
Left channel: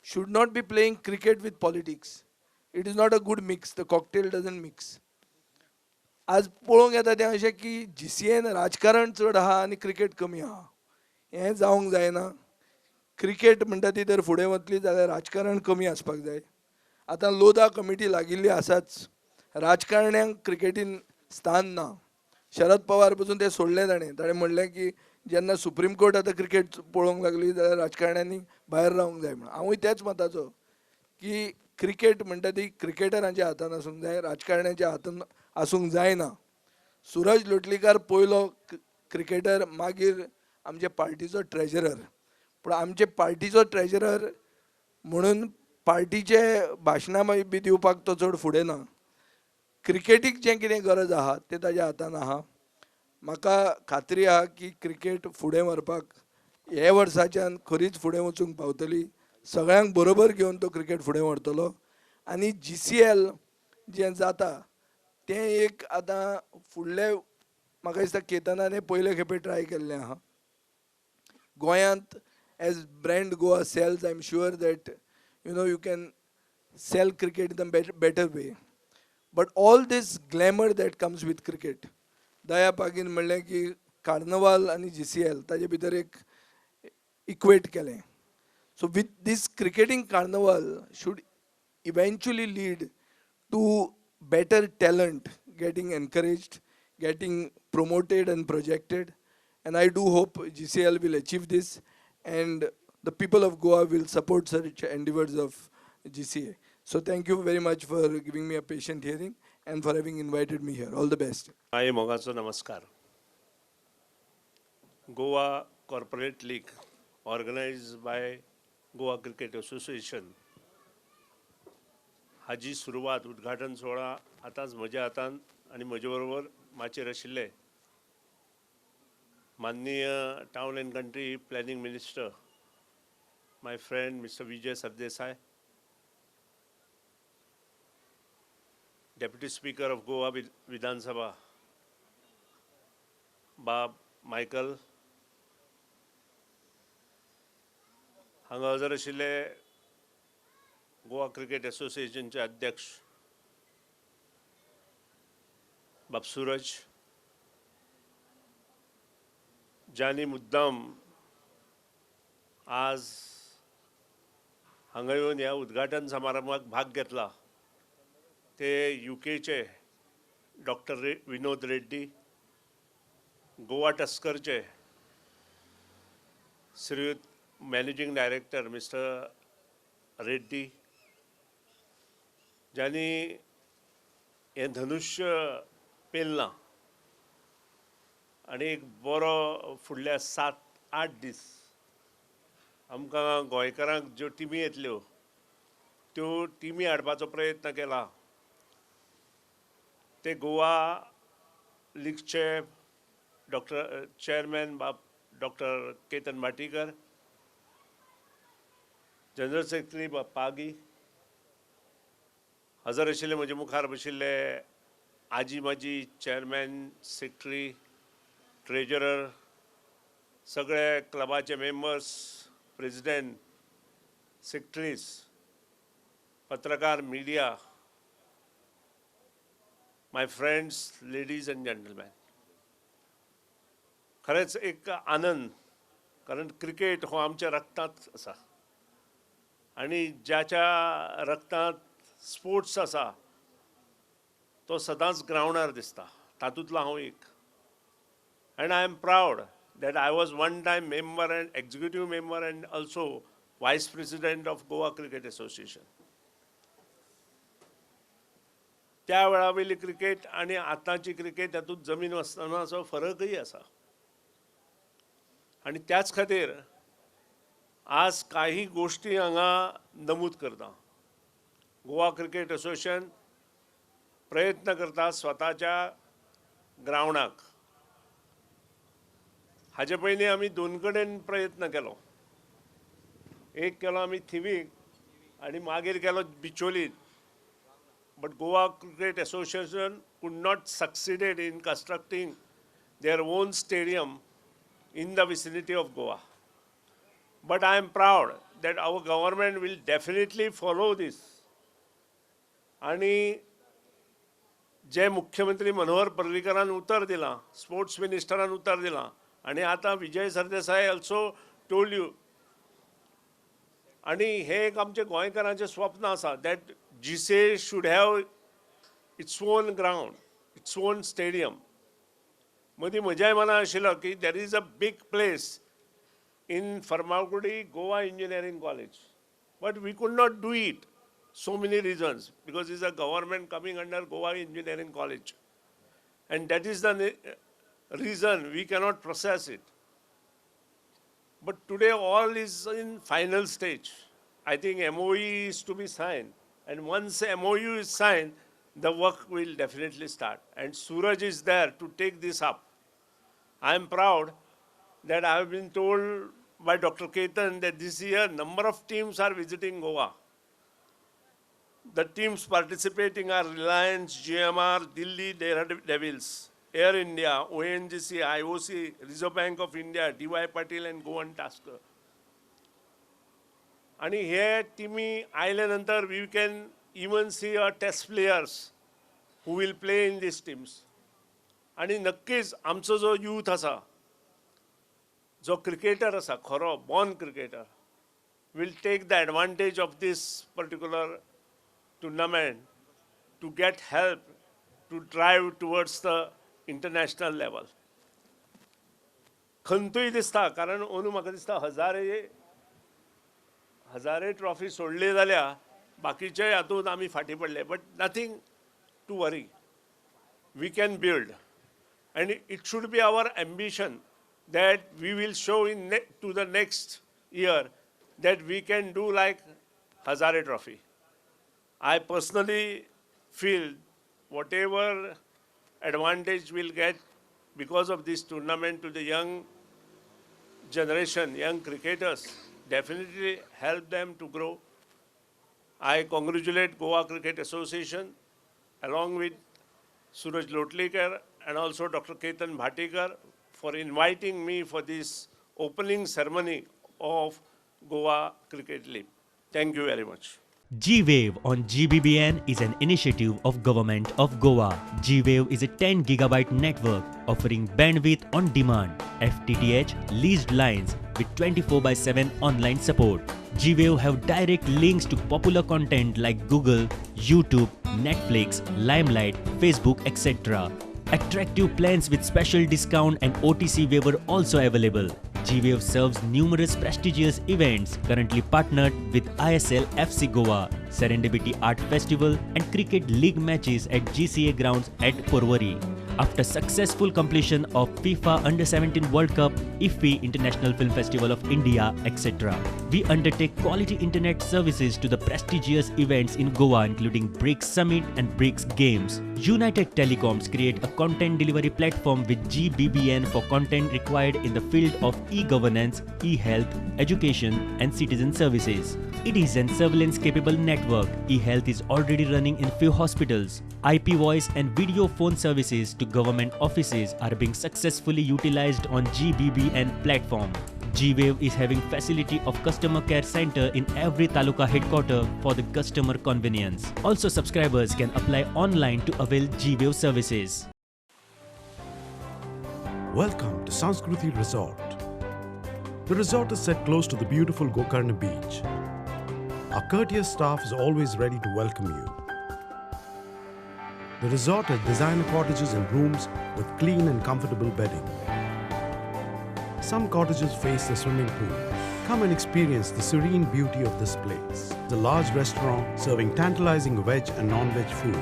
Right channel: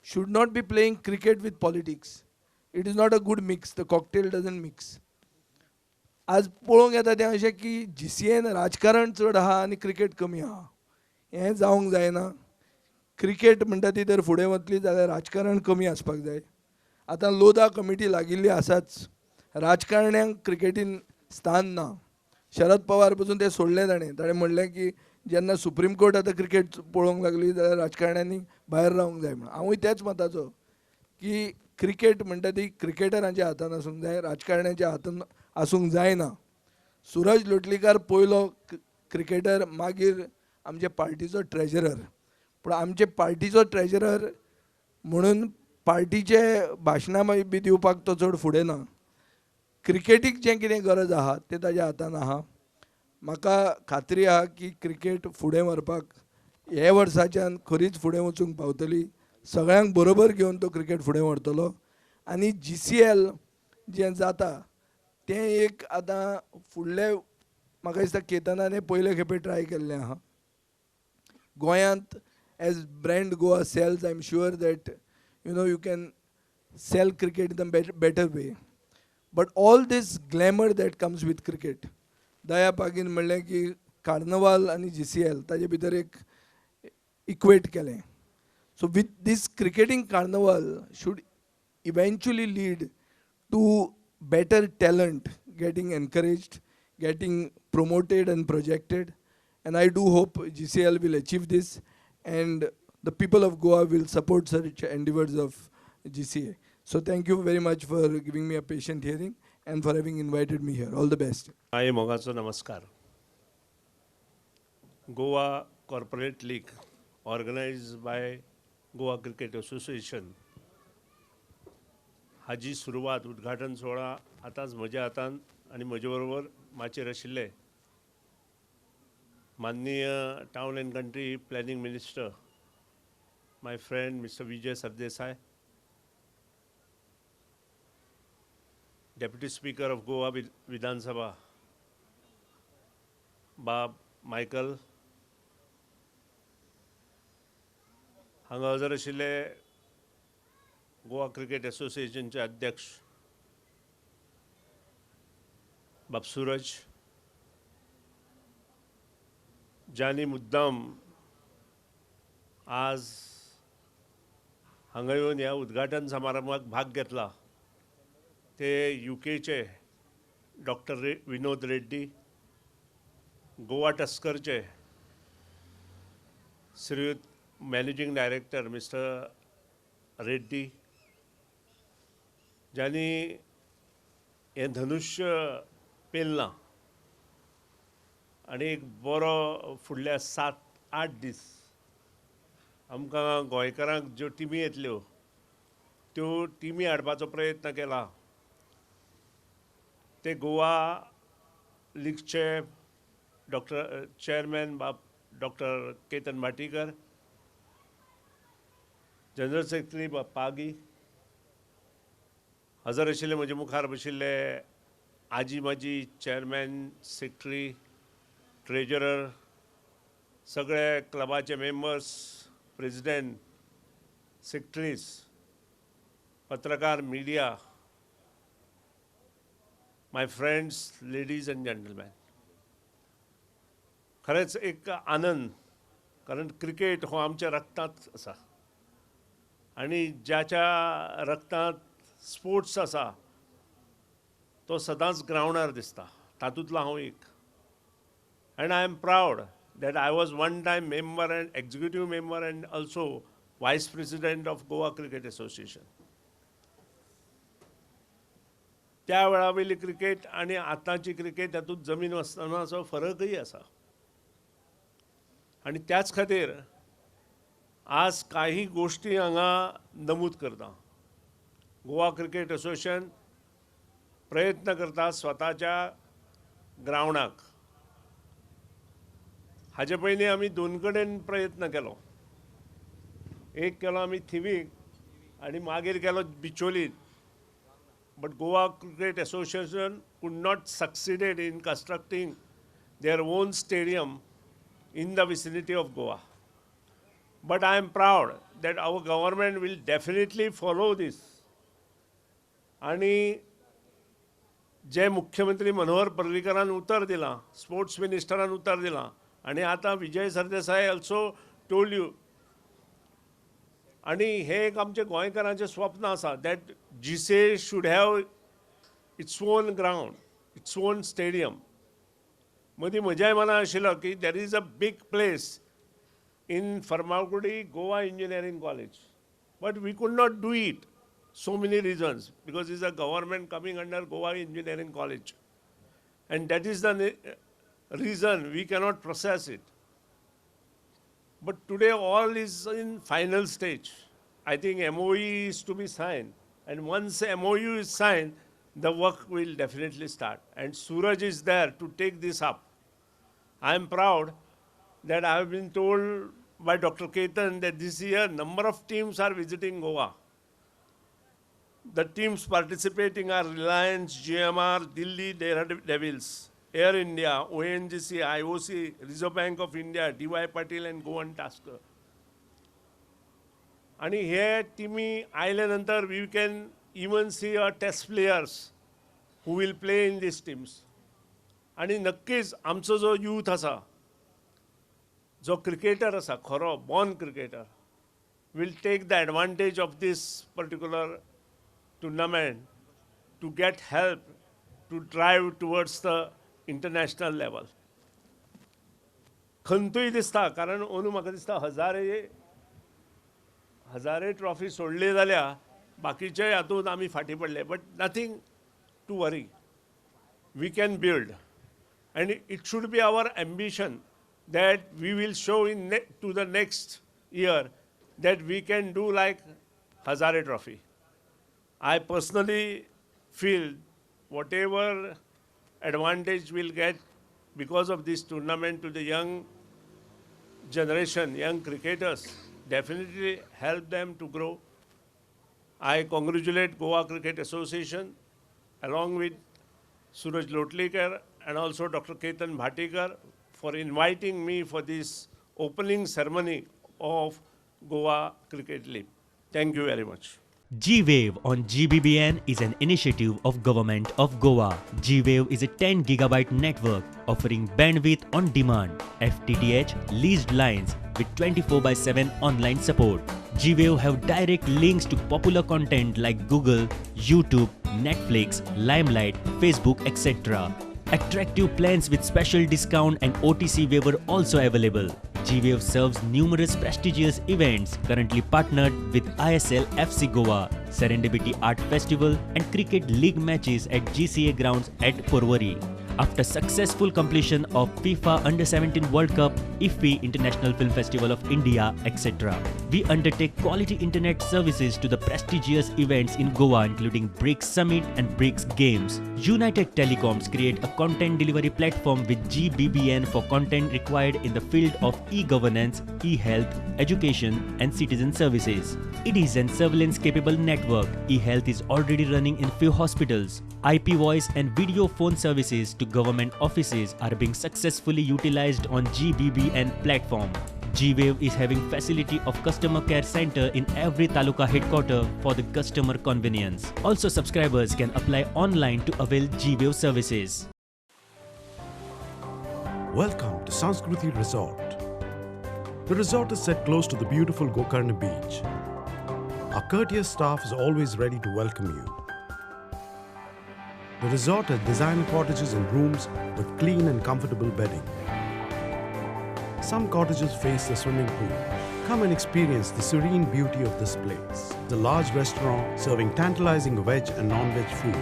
should not be playing cricket with politics. It is not a good mix. The cocktail doesn't mix. आज पळोवंक येता तें अशें की GCAन राजकारण चड आहा आनी क्रिकेट कमी आहा. हें जावंक जायना. क्रिकेट म्हणटा ती तर फुडें वतली जाल्यार राजकारण कमी आसपाक जाय. आतां लोधा कमिटी लागिल्ली आसाच. राजकारण्यांक क्रिकेटीन स्थान ना. शरद पवार पसून तें सोडलें ताणें म्हणलें की जेन्ना सुप्रीम कोर्ट आतां क्रिकेट पळोवंक लागली जाल्यार राजकारण्यांनी भायर रावंक जाय म्हणून. हांवूय तेच मताचो की क्रिकेट म्हणटा ती क्रिकेटरांच्या हातान आसूंक जाय, राजकारण्याच्या हातान आसूंक जायना. सुरज लोटलीकर पयलो क्रिकेटर, मागीर आमचे पार्टीचो ट्रेजरर. पूण आमचे पार्टीचो ट्रेजरर म्हणून पार्टीचे भाशणां बी दिवपाक तो चड फुडें ना. क्रिकेटीक जें कितें गरज आहा तें ताज्या हातान आहा. म्हाका खात्री आहा की क्रिकेट फुडें व्हरपाक हे वर्साच्यान खरीच फुडें वचूंक पावतली. सगळ्यांक बरोबर घेवन तो क्रिकेट फुडें व्हरतलो आनी GCL जें जाता तें एक आतां फुडले म्हाका दिसता केतनान पयले खेपे ट्राय केल्लें आहा. गोंयांत as brand Goa sells, I am sure that you can sell cricket in a better way. But all this glamour that comes with cricket, Daya पागीन म्हणलें की कार्नवाल आनी GCL ताजे भितर एक इक्वेट केलें. So with this cricketing carnival should eventually lead to better talent getting encouraged, getting promoted and projected. And I do hope GCL will achieve this and the people of Goa will support such endeavors of GCA. So thank you very much for giving me a patient hearing and for having invited me here. All the best. हाय मोगाचो नमस्कार. Goa Corporate League organized by Goa Cricket Association हाजी सुरवात उद्घाटन सोहळा आतांच म्हज्या हातान आनी म्हजे बरोबर माचयेर आशिल्ले माननीय town and country planning minister my friend mister Vijay Sardesai, deputy speaker of Goa Vidhan Sabha Bab Michael, हांगा हजर आशिल्ले गोवा क्रिकेट असोसिएशनचे अध्यक्ष बाब सूरज, ज्यांनी मुद्दाम आज हांगा येवन ह्या उद्घाटन समारंभात भाग घेतला ते UKचे डॉक्टर विनोद रेड्डी, गोवा टस्करचे श्रीयुत मॅनेजिंग डायरेक्टर मिस्टर रेड्डी, ज्यांनी हे धनुष्य पेलना आनी एक बरो फुडल्या 7-8 दीस आमकां गोंयकारांक ज्यो टिमी येतल्यो त्यो टिमी हाडपाचो प्रयत्न केला. ते गोवा लीगचे चेअरमॅन बाब doctor Ketan Bhatikar, general secretary बाब पागी, हजर आशिल्ले म्हजे मुखार बशिल्ले आजी माजी चेअरमॅन, सेक्रेटरी, ट्रेजरर, सगळे क्लबाचे मेंबर्स, प्रेसिडेंट, सेक्रेटरीज, पत्रकार, media, my friends, ladies and gentleman, खरेंच एक आनंद, कारण क्रिकेट हो आमच्या रक्तांत आसा आणि ज्याच्या रक्तांत स्पोर्ट्स आसा तो सदांच ग्रावंडार दिसता, तातूंतलो हांव एक. And I am proud that I was one time member and executive member and also vice president of Goa Cricket Association. त्या वेळावयली क्रिकेट आणि आतांची क्रिकेट हातूंत जमीन आसतनाचो फरकय आसा. आणि त्याच खातीर आज काही गोष्टी हांगा नमूद करता. गोवा क्रिकेट असोसिएशन प्रयत्न करता स्वताच्या ग्रावंडाक. हाजे पयलीं आमी दोन कडेन प्रयत्न केलो. एक केलो आमी थिवीक आनी मागीर केलो बिचोलीत. But Goa cricket association could not succeeded in constructing their own stadium in the vicinity of Goa. But I am proud that our government will definitely follow this. आणि जे मुख्यमंत्री मनोहर पर्रीकरान उतर दिलां, स्पोर्ट्स मिनिस्टरान उतर दिलां, आणि आता Vijay Sardesai also told you, आणि हे एक आमचे गोंयकारांचें स्वप्न आसा दॅट जिसे should have its own ground, its own stadium. मदीं म्हज्याय मनां आशिल्लो की there is a big place in Farmagudi Goa engineering college, but we could not do it. So many reasons, because it's a government coming under Goa Engineering College, and that is the reason we cannot process it. But today all is in final stage. I think MOU is to be signed, and once MOU is signed, the work will definitely start, and Suraj is there to take this up. I am proud that I have been told by Dr. Ketan that this year number of teams are visiting Goa. The teams participating are Reliance, GMR, Delhi Devils, Air India, ONGC, IOC, Reserve Bank of India, DY Patil and Goan Tasker. And here teamy island antar we can even see our test players who will play in these teams. And नक्कीच आमचो जो youth आसा, जो cricketer आसा, खरो born cricketer, will take the advantage of this particular tournament to get help to drive towards the international level. खंतूय दिसता, कारण अंदू म्हाका दिसता हजारे ट्रॉफी सोडली जाल्यार बाकीचे हातूंत आमी फाटीं पडले. But nothing to worry, we can build, and it should be our ambition that we will show to the next year that we can do like Hazare Trophy. I personally feel whatever advantage we'll get because of this tournament to the young generation, young cricketers, definitely help them to grow. I congratulate Goa Cricket Association along with Suraj Lotlikar and also Dr. Ketan Bhatikar for inviting me for this opening ceremony of Goa Cricket League. Thank you very much. G-Wave on GBBN is an initiative of Government of Goa. G-Wave is a 10 gigabyte network offering bandwidth on demand, FTTH leased lines with 24/7 online support. G-Wave have direct links to popular content like Google, YouTube, Netflix, Limelight, Facebook, etc. Attractive plans with special discount and OTC waiver also available. G-Wave serves numerous prestigious events, currently partnered with ISL FC Goa, Serendipity Art Festival and Cricket League matches at GCA grounds at Porvorim. After successful completion of FIFA Under-17 World Cup, IFFI International Film Festival of India, etc. We undertake quality internet services to the prestigious events in Goa including BRICS Summit and BRICS Games. United Telecoms create a content delivery platform with GBBN for content required in the field of e-governance, e-health, education and citizen services. It is an surveillance capable network. E-health is already running in few hospitals. IP voice and video phone services to government offices are being successfully utilized on GBBN platform. G-Wave is having facility of customer care center in every taluka headquarter for the customer convenience. Also, subscribers can apply online to avail G-Wave services. Welcome to Sanskruti Resort. The resort is set close to the beautiful Gokarna beach. Our courteous staff is always ready to welcome you. The resort has designer cottages and rooms with clean and comfortable bedding. Some cottages face the swimming pool. Come and experience the serene beauty of this place. The large restaurant serving tantalizing veg and non-veg food.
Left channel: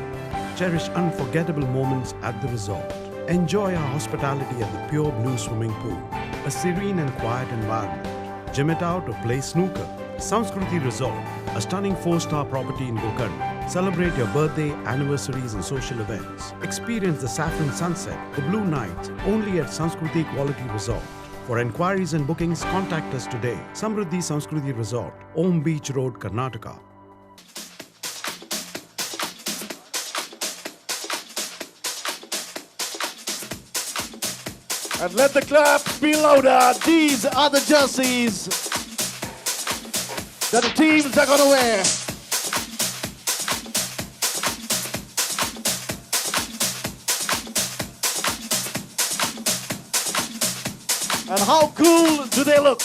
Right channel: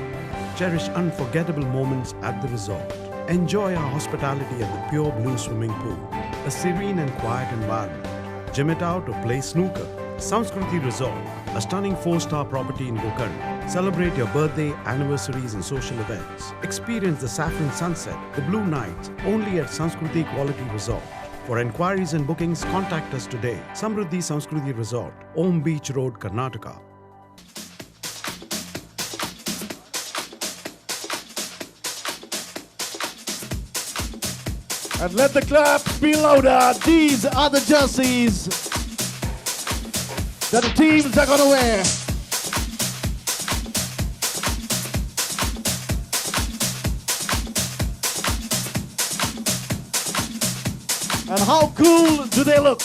Cherish unforgettable moments at the resort. Enjoy our hospitality at the pure blue swimming pool. A serene and quiet environment. Gym it out or play snooker. Sanskruti Resort, a stunning 4-star property in Gokarna. Celebrate your birthday, anniversaries and social events. Experience the saffron sunset, the blue nights, only at Sanskruti Quality Resort. For enquiries and bookings, contact us today. Samruddhi Sanskruti Resort, Om Beach Road, Karnataka. And let the claps be louder. These are the jerseys that the teams are going to wear. And how cool do they look?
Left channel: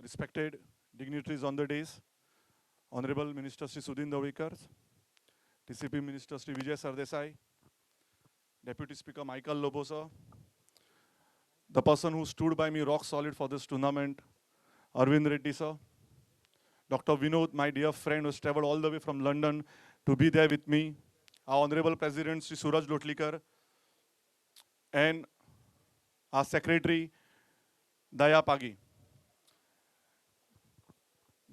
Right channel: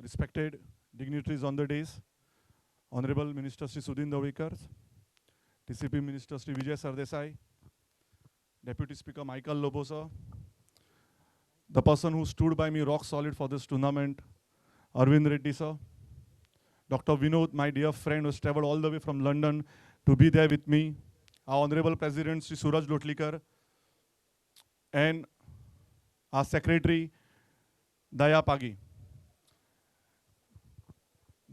Respected dignitaries on the days, Honorable Minister Sri Sudhin Dawikar, TCP Minister Sri Vijay Sardesai, Deputy Speaker Michael Lobo sir, the person who stood by me rock solid for this tournament, Arvind Reddy sir, Dr. Vinod, my dear friend who has traveled all the way from London to be there with me, our Honorable President Sri Suraj Lotlikar, and our Secretary Daya Pagi.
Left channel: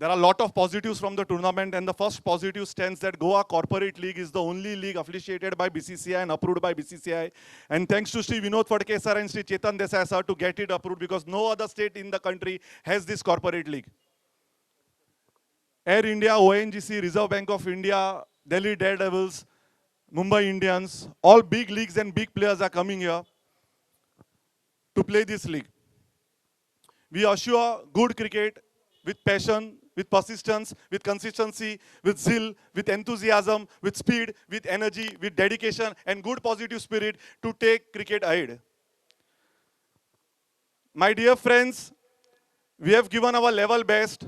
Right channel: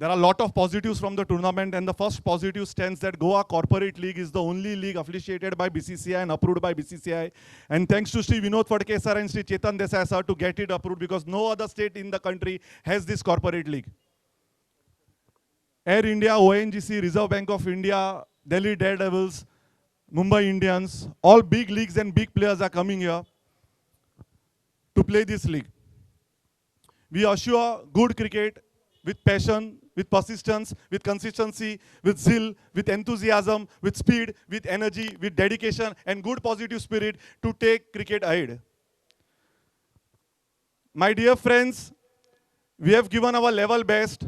There are a lot of positives from the tournament, and the first positive stands that Goa Corporate League is the only league affiliated by BCCI and approved by BCCI. And thanks to Sri Vinod Phadke sir and Sri Chetan Desai sir to get it approved, because no other state in the country has this corporate league. Air India, ONGC, Reserve Bank of India, Delhi Daredevils, Mumbai Indians, all big leagues and big players are coming here to play this league. We assure good cricket with passion, with persistence, with consistency, with zeal, with enthusiasm, with speed, with energy, with dedication and good positive spirit to take cricket ahead. My dear friends, we have given our level best,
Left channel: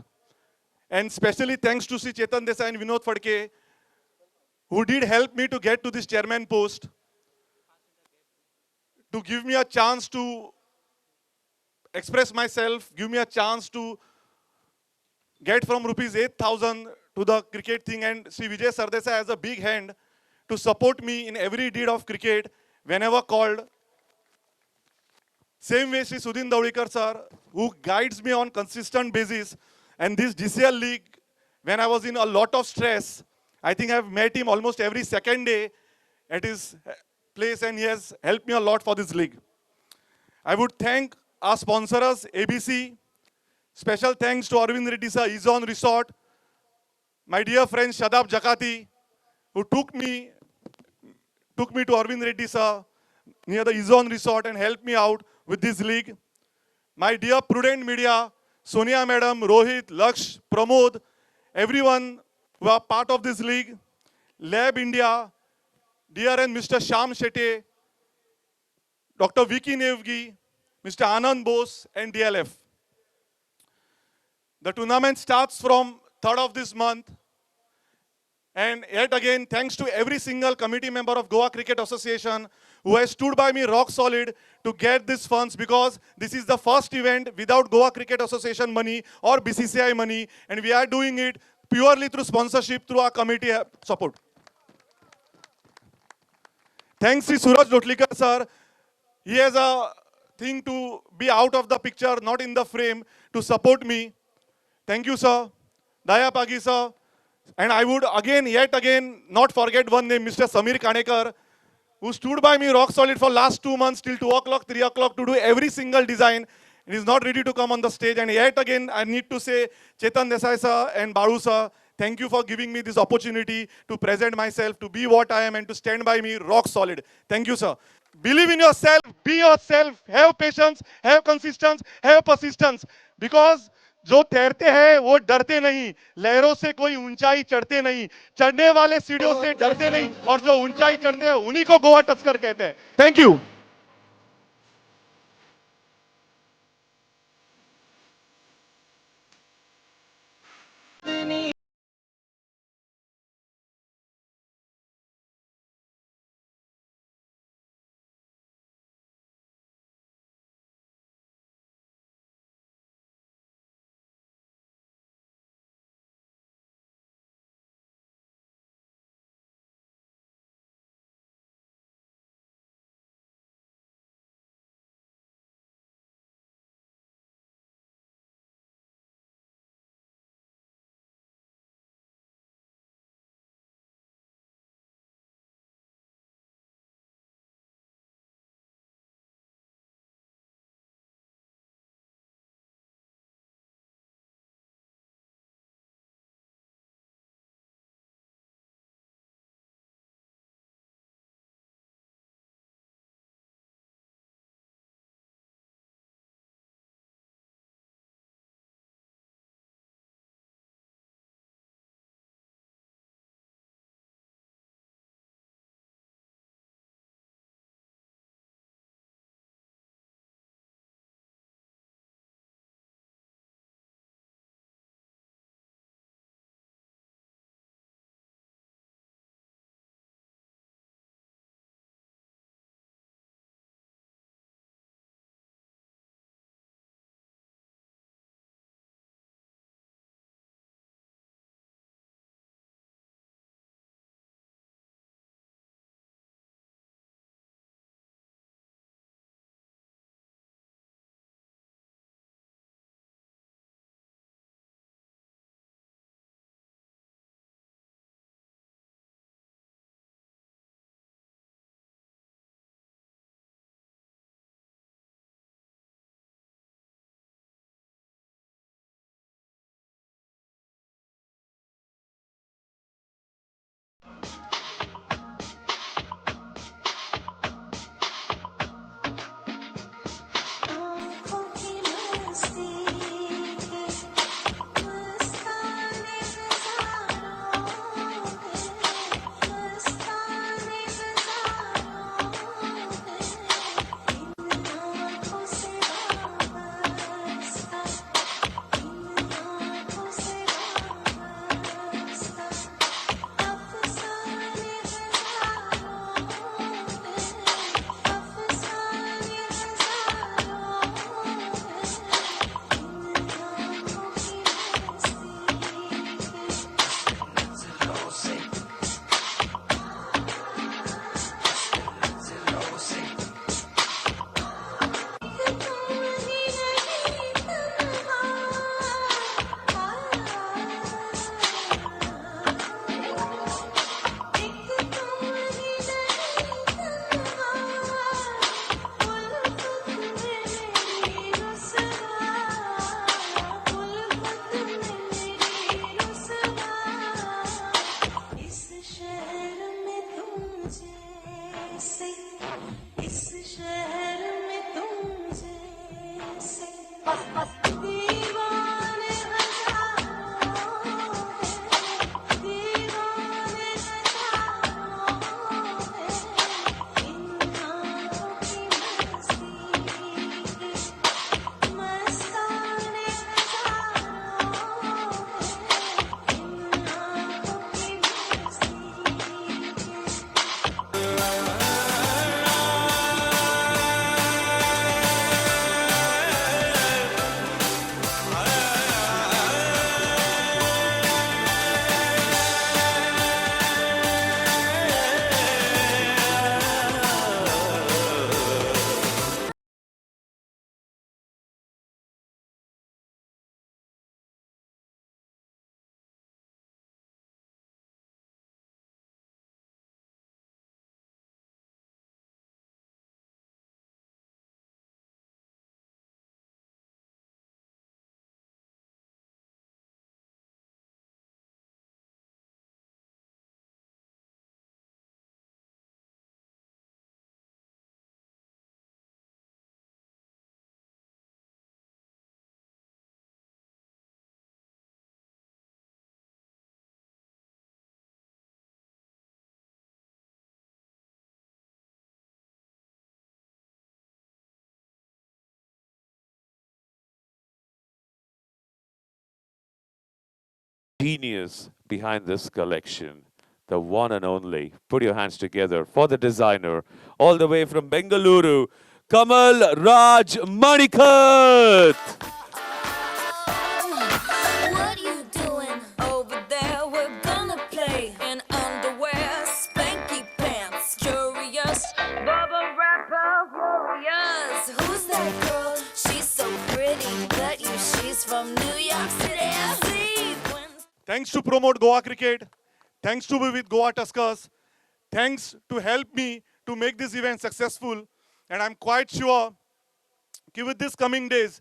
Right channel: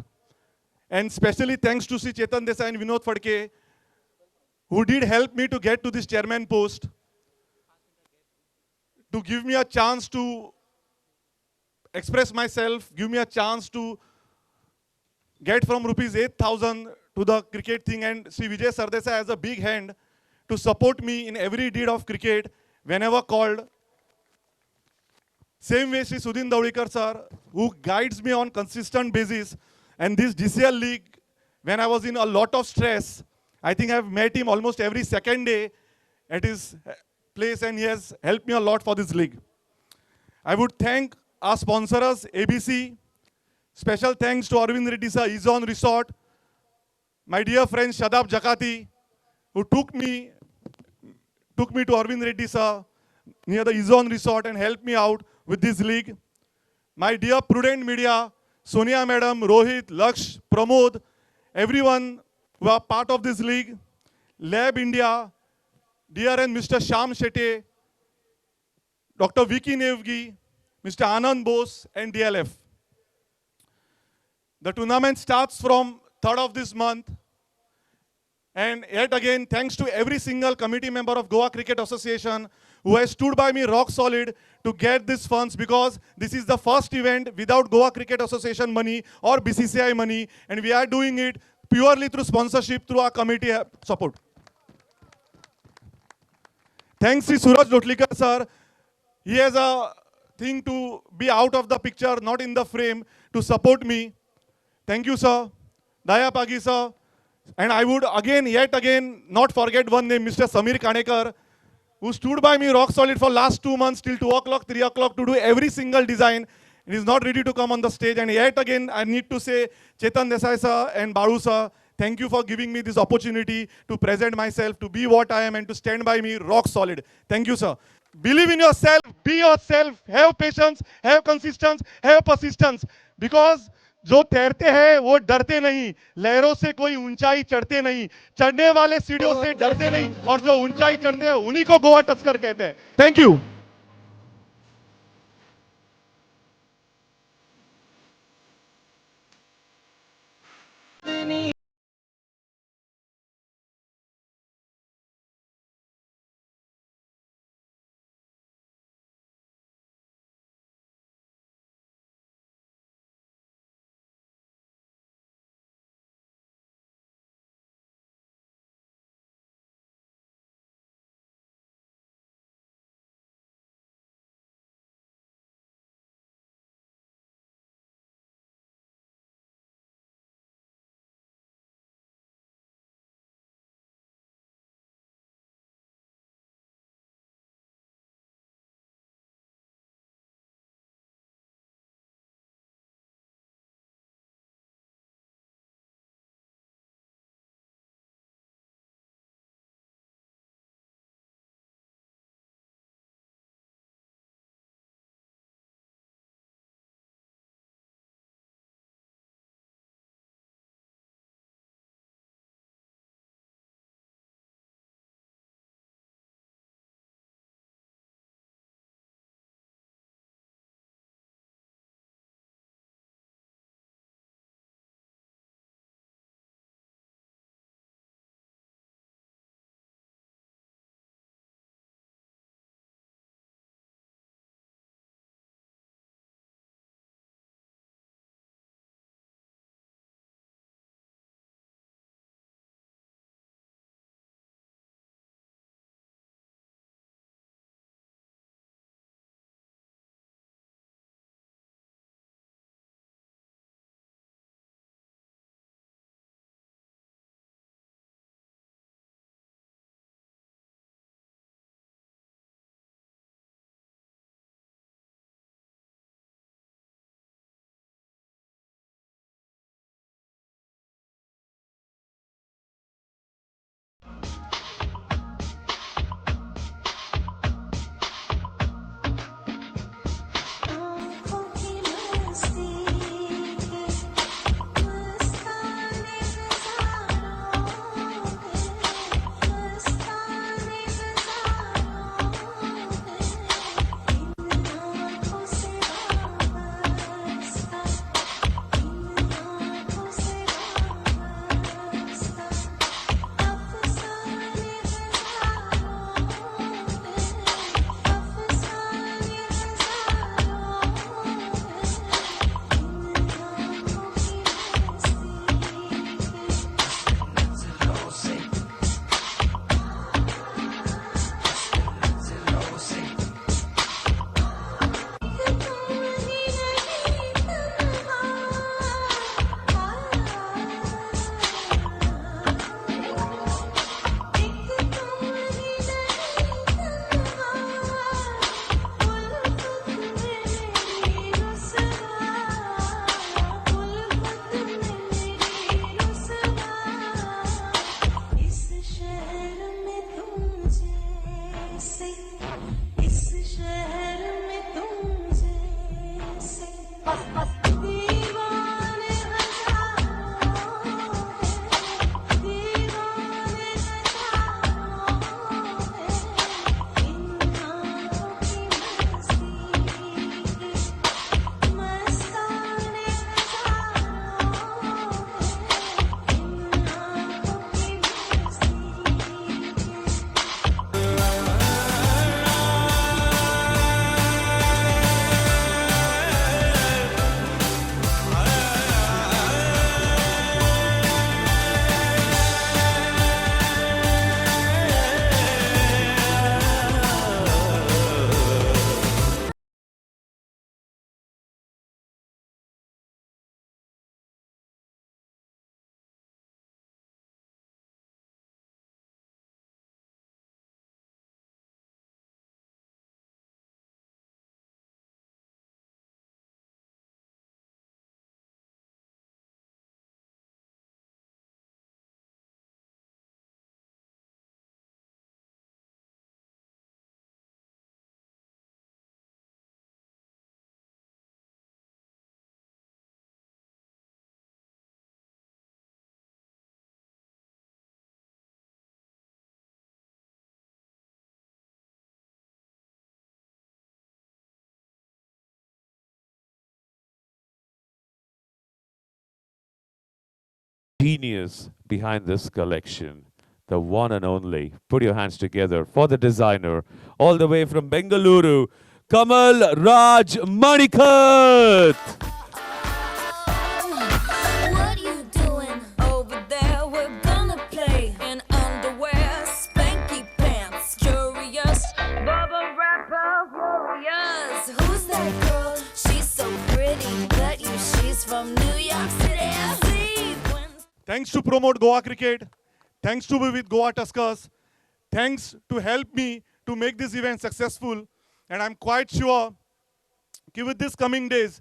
and especially thanks to Sri Chetan Desai and Vinod Phadke, who did help me to get to this chairman post, to give me a chance to express myself, give me a chance to get from rupees 8,000 to the cricket thing, and Sri Vijay Sardesai has a big hand to support me in every deed of cricket whenever called. Same way Sri Sudhin Dawikar sir, who guides me on consistent basis, and this DCL league, when I was in a lot of stress, I think I've met him almost every second day at his place, and he has helped me a lot for this league. I would thank our sponsors, ABC. Special thanks to Arvind Reddy sir, Izon Resort, my dear friend Shadab Jakati, who took me to Arvind Reddy sir near the Izon Resort and helped me out with this league. My dear Prudent Media, Sonia Madam, Rohit, Laksh, Pramod, everyone who are part of this league, Lab India, DRN Mr. Shyam Shetty, Dr. Vicky Nevgi, Mr. Anand Bose and DLF. The tournament starts from 3rd of this month. And yet again, thanks to every single committee member of Goa Cricket Association who has stood by me rock solid to get these funds, because this is the first event without Goa Cricket Association money or BCCI money, and we are doing it purely through sponsorship, through our committee support. Thanks to Suraj Lotlikar sir. He has a thing to be out of the picture, not in the frame, to support me. Thank you, sir. Daya Pagi, sir. And I would yet again, not forget one name, Mr. Samir Kanekar, who stood by me rock solid for last 2 months till 2 o'clock, 3 o'clock to do every single design. He is not ready to come on the stage. And yet again, I need to say, Chetan Desai sir and Baru sir, thank you for giving me this opportunity to present myself, to be what I am, and to stand by me rock solid. Thank you, sir. Believe in yourself, be yourself, have patience, have consistency, have persistence. Because जो तैरते हैं वो डरते नहीं, लहरों से कोई ऊंचाई चढ़ते नहीं, चढ़ने वाले सीढ़ियों से डरते नहीं, और जो ऊंचाई चढ़ते हैं उन्हीं को गोवा टस्कर कहते हैं. Thank you. genius behind this collection, the one and only. Put your hands together for the designer, all the way from Bengaluru, Kamal Raj Manikat. What you doing over there? We're gonna play in underwear, spanky pants, curious, bubble wrapper, furious. Who's that girl? She's so pretty, bet you she's from New York City. Thanks to promote Goa cricket. Thanks to be with Goa Tuskers. Thanks to help me to make this event successful. And I'm quite sure that with these coming days,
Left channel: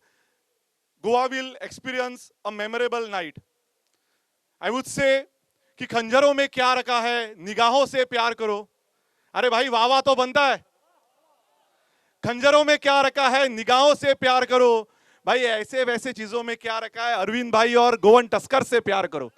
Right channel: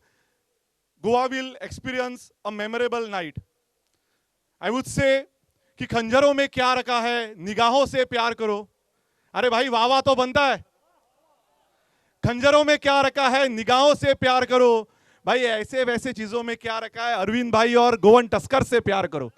Goa will experience a memorable night. I would say कि खंजरों में क्या रखा है, निगाहों से प्यार करो. अरे भाई वाह वाह तो बनता है. खंजरों में क्या रखा है, निगाहों से प्यार करो. भाई ऐसे वैसे चीजों में क्या रखा है, अरविंद भाई और गोवन टस्कर से प्यार करो.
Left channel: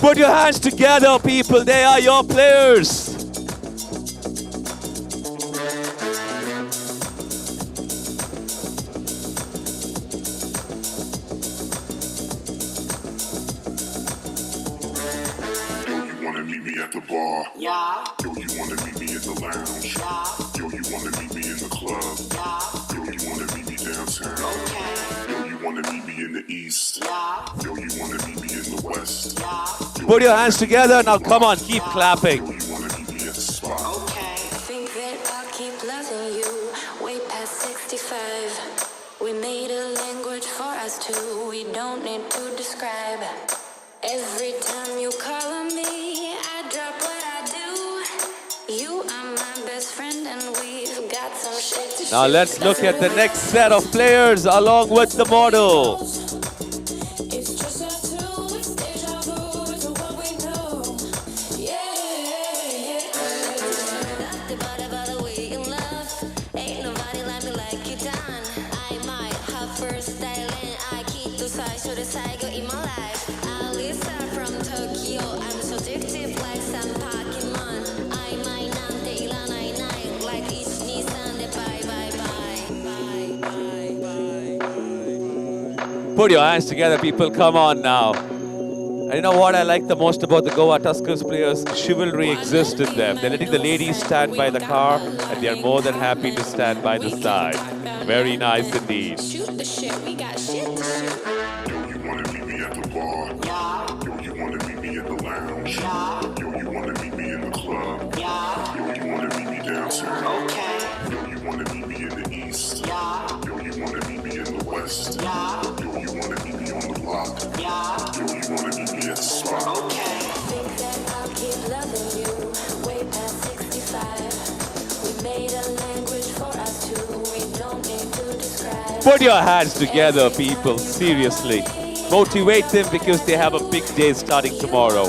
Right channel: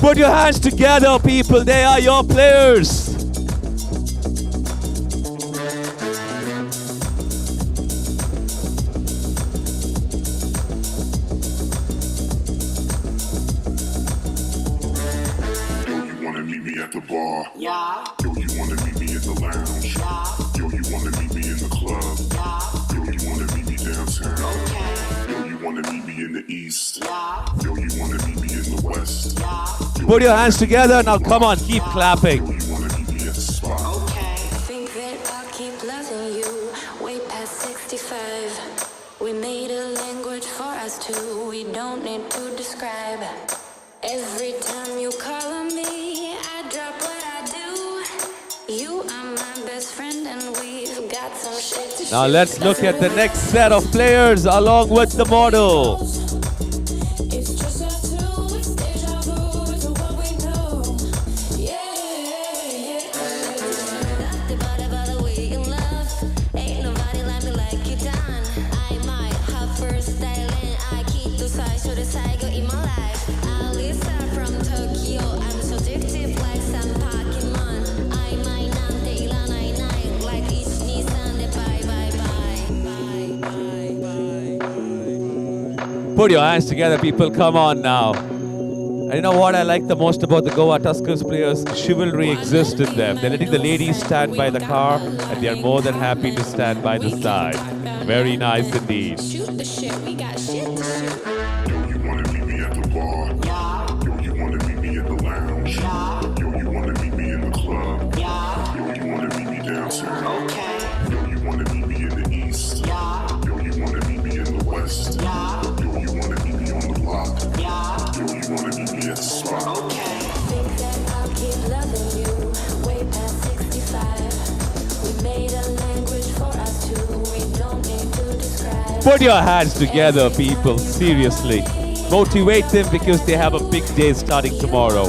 Put your hands together, people. They are your players. Meet me at the bar. Yeah. Yo, you wanna meet me in the lounge. Yeah. Yo, you wanna meet me in the club. Yeah. Yo, you wanna meet me downtown. Okay. Yo, you wanna meet me in the east. Yeah. Yo, you wanna meet me in the west. Yeah. Put your hands together. Now come on, keep clapping. Yo, you wanna meet me at the spot. Okay. Think that I'll keep loving you way past 65. We made a language for us two. We don't need to describe. Every time you call on me, I drop what I do. You are my best friend and we've got some shit to Now shoot. let's look at the next set of players along with the model. It's just us two, it's deja vu to what we know. Yeah. By the way you love, ain't nobody like me like you done. I might have first style and I keep the size to the side in my life. Lisa from Tokyo, I'm so addictive like some Pokemon. I might not take la night night like each Nissan. Bye bye bye. Put your hands together, people. Come on now. And you know what I like the most about the Goa Tuskers players? Chivalry exists in them. They're letting the ladies stand by the car, and they're more than happy to stand by the side. Very nice indeed. Shoot the shit, we got shit to shoot. Yo, you wanna meet me at the bar. Yeah. Yo, you wanna meet me at the lounge. Yeah. Yo, you wanna meet me in the club. Yeah. Yo, you wanna meet me downtown. Okay. Yo, you wanna meet me in the east. Yeah. Yo, you wanna meet me in the west. Yeah. Yo, you wanna meet me on the block. Yeah. Yo, you wanna meet me at the spot. Okay. Think that I'll keep loving you way past 65. We made a language for us two. We don't need to describe. Put your hands together, people. Seriously. Motivate them because they have a big day starting tomorrow.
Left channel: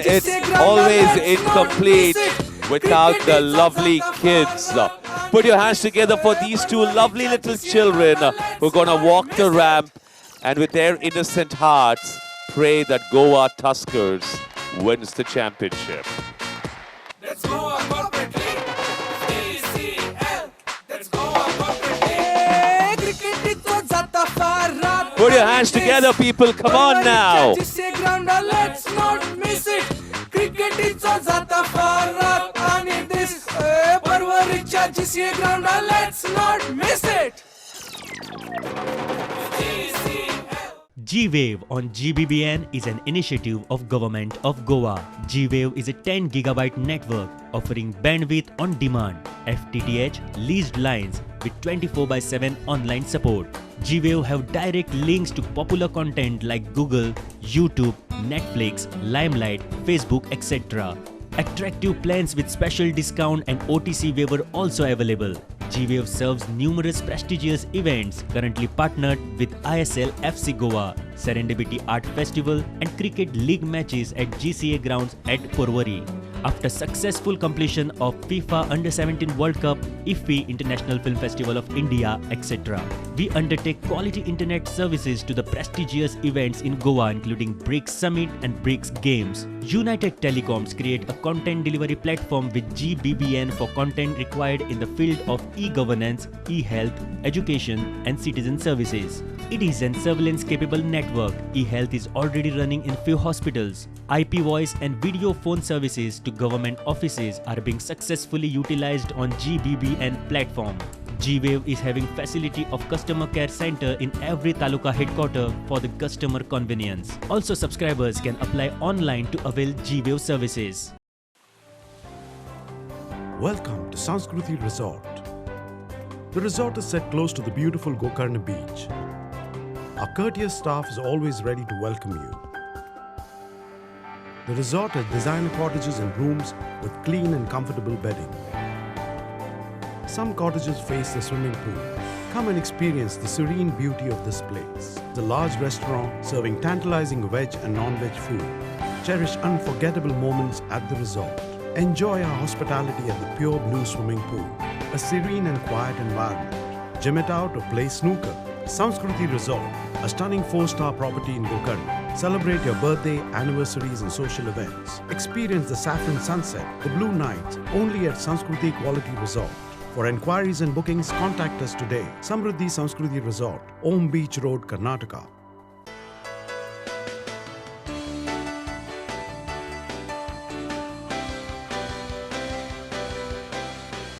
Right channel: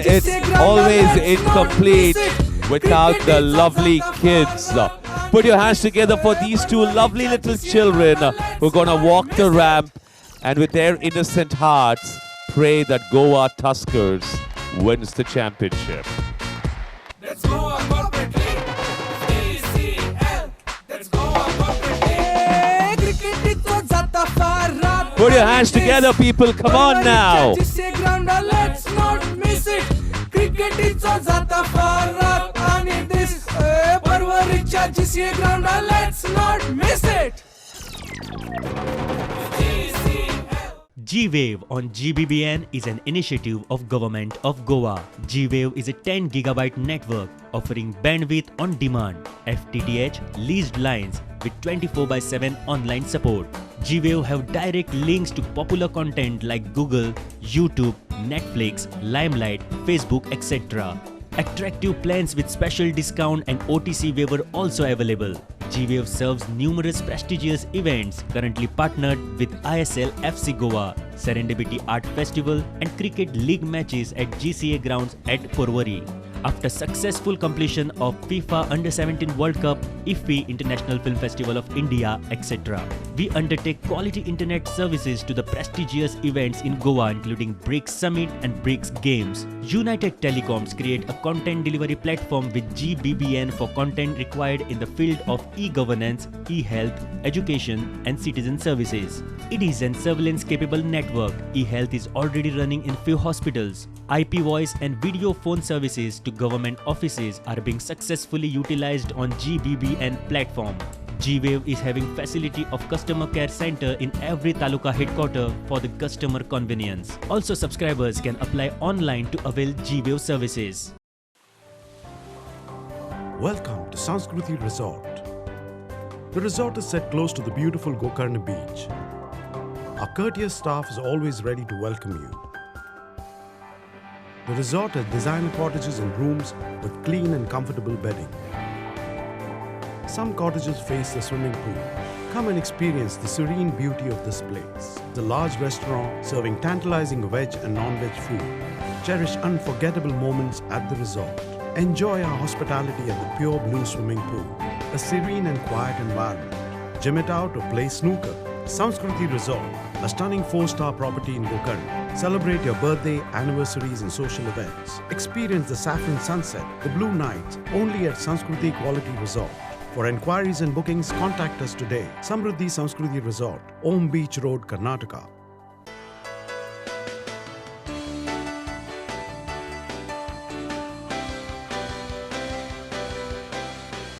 everyone. It's always incomplete without the lovely kids. Put your hands together for these two lovely little children who are going to walk the ramp and with their innocent hearts pray that Goa Tuskers wins the championship. Let's go a corporate league. DCL. Let's go a corporate league. क्रिकेटीचो जाता फार रात. Put your hands together, people. Come on now. Let's not miss it. क्रिकेटीचो जाता फार रात आणि this परवरीच्या GCA ground. Let's not miss it. G-Wave on GBBN is an initiative of Government of Goa. G-Wave is a 10 GB network offering bandwidth on demand, FTTH leased lines with 24/7 online support. G-Wave have direct links to popular content like Google, YouTube, Netflix, Limelight, Facebook, etc. Attractive plans with special discount and OTC waiver also available. G-Wave serves numerous prestigious events currently partnered with ISL FC Goa, Serendipity Art Festival and Cricket League matches at GCA grounds at Porvorim. After successful completion of FIFA Under-17 World Cup, IFFI International Film Festival of India, etc. We undertake quality internet services to the prestigious events in Goa including BRICS Summit and BRICS Games. United Telecoms create a content delivery platform with GBBN for content required in the field of e-governance, e-health, education and citizen services. It is an surveillance-capable network. E-health is already running in few hospitals. IP voice and video phone services to government offices are being successfully utilized on GBBN platform. G-Wave is having facility of customer care center in every taluka headquarter for the customer convenience. Also, subscribers can apply online to avail G-Wave services. Welcome to Sanskruti Resort. The resort is set close to the beautiful Gokarna beach. Our courteous staff is always ready to welcome you. The resort has designer cottages and rooms with clean and comfortable bedding. Some cottages face the swimming pool. Come and experience the serene beauty of this place. The large restaurant serving tantalizing veg and non-veg food. Cherish unforgettable moments at the resort. Enjoy our hospitality at the pure blue swimming pool. A serene and quiet environment. Gym it out or play snooker. Sanskruti Resort, a stunning 4-star property in Gokarna. Celebrate your birthday, anniversaries and social events. Experience the saffron sunset, the blue nights, only at Sanskruti Quality Resort. For enquiries and bookings, contact us today. Samruddhi Sanskruti Resort, Om Beach Road, Karnataka.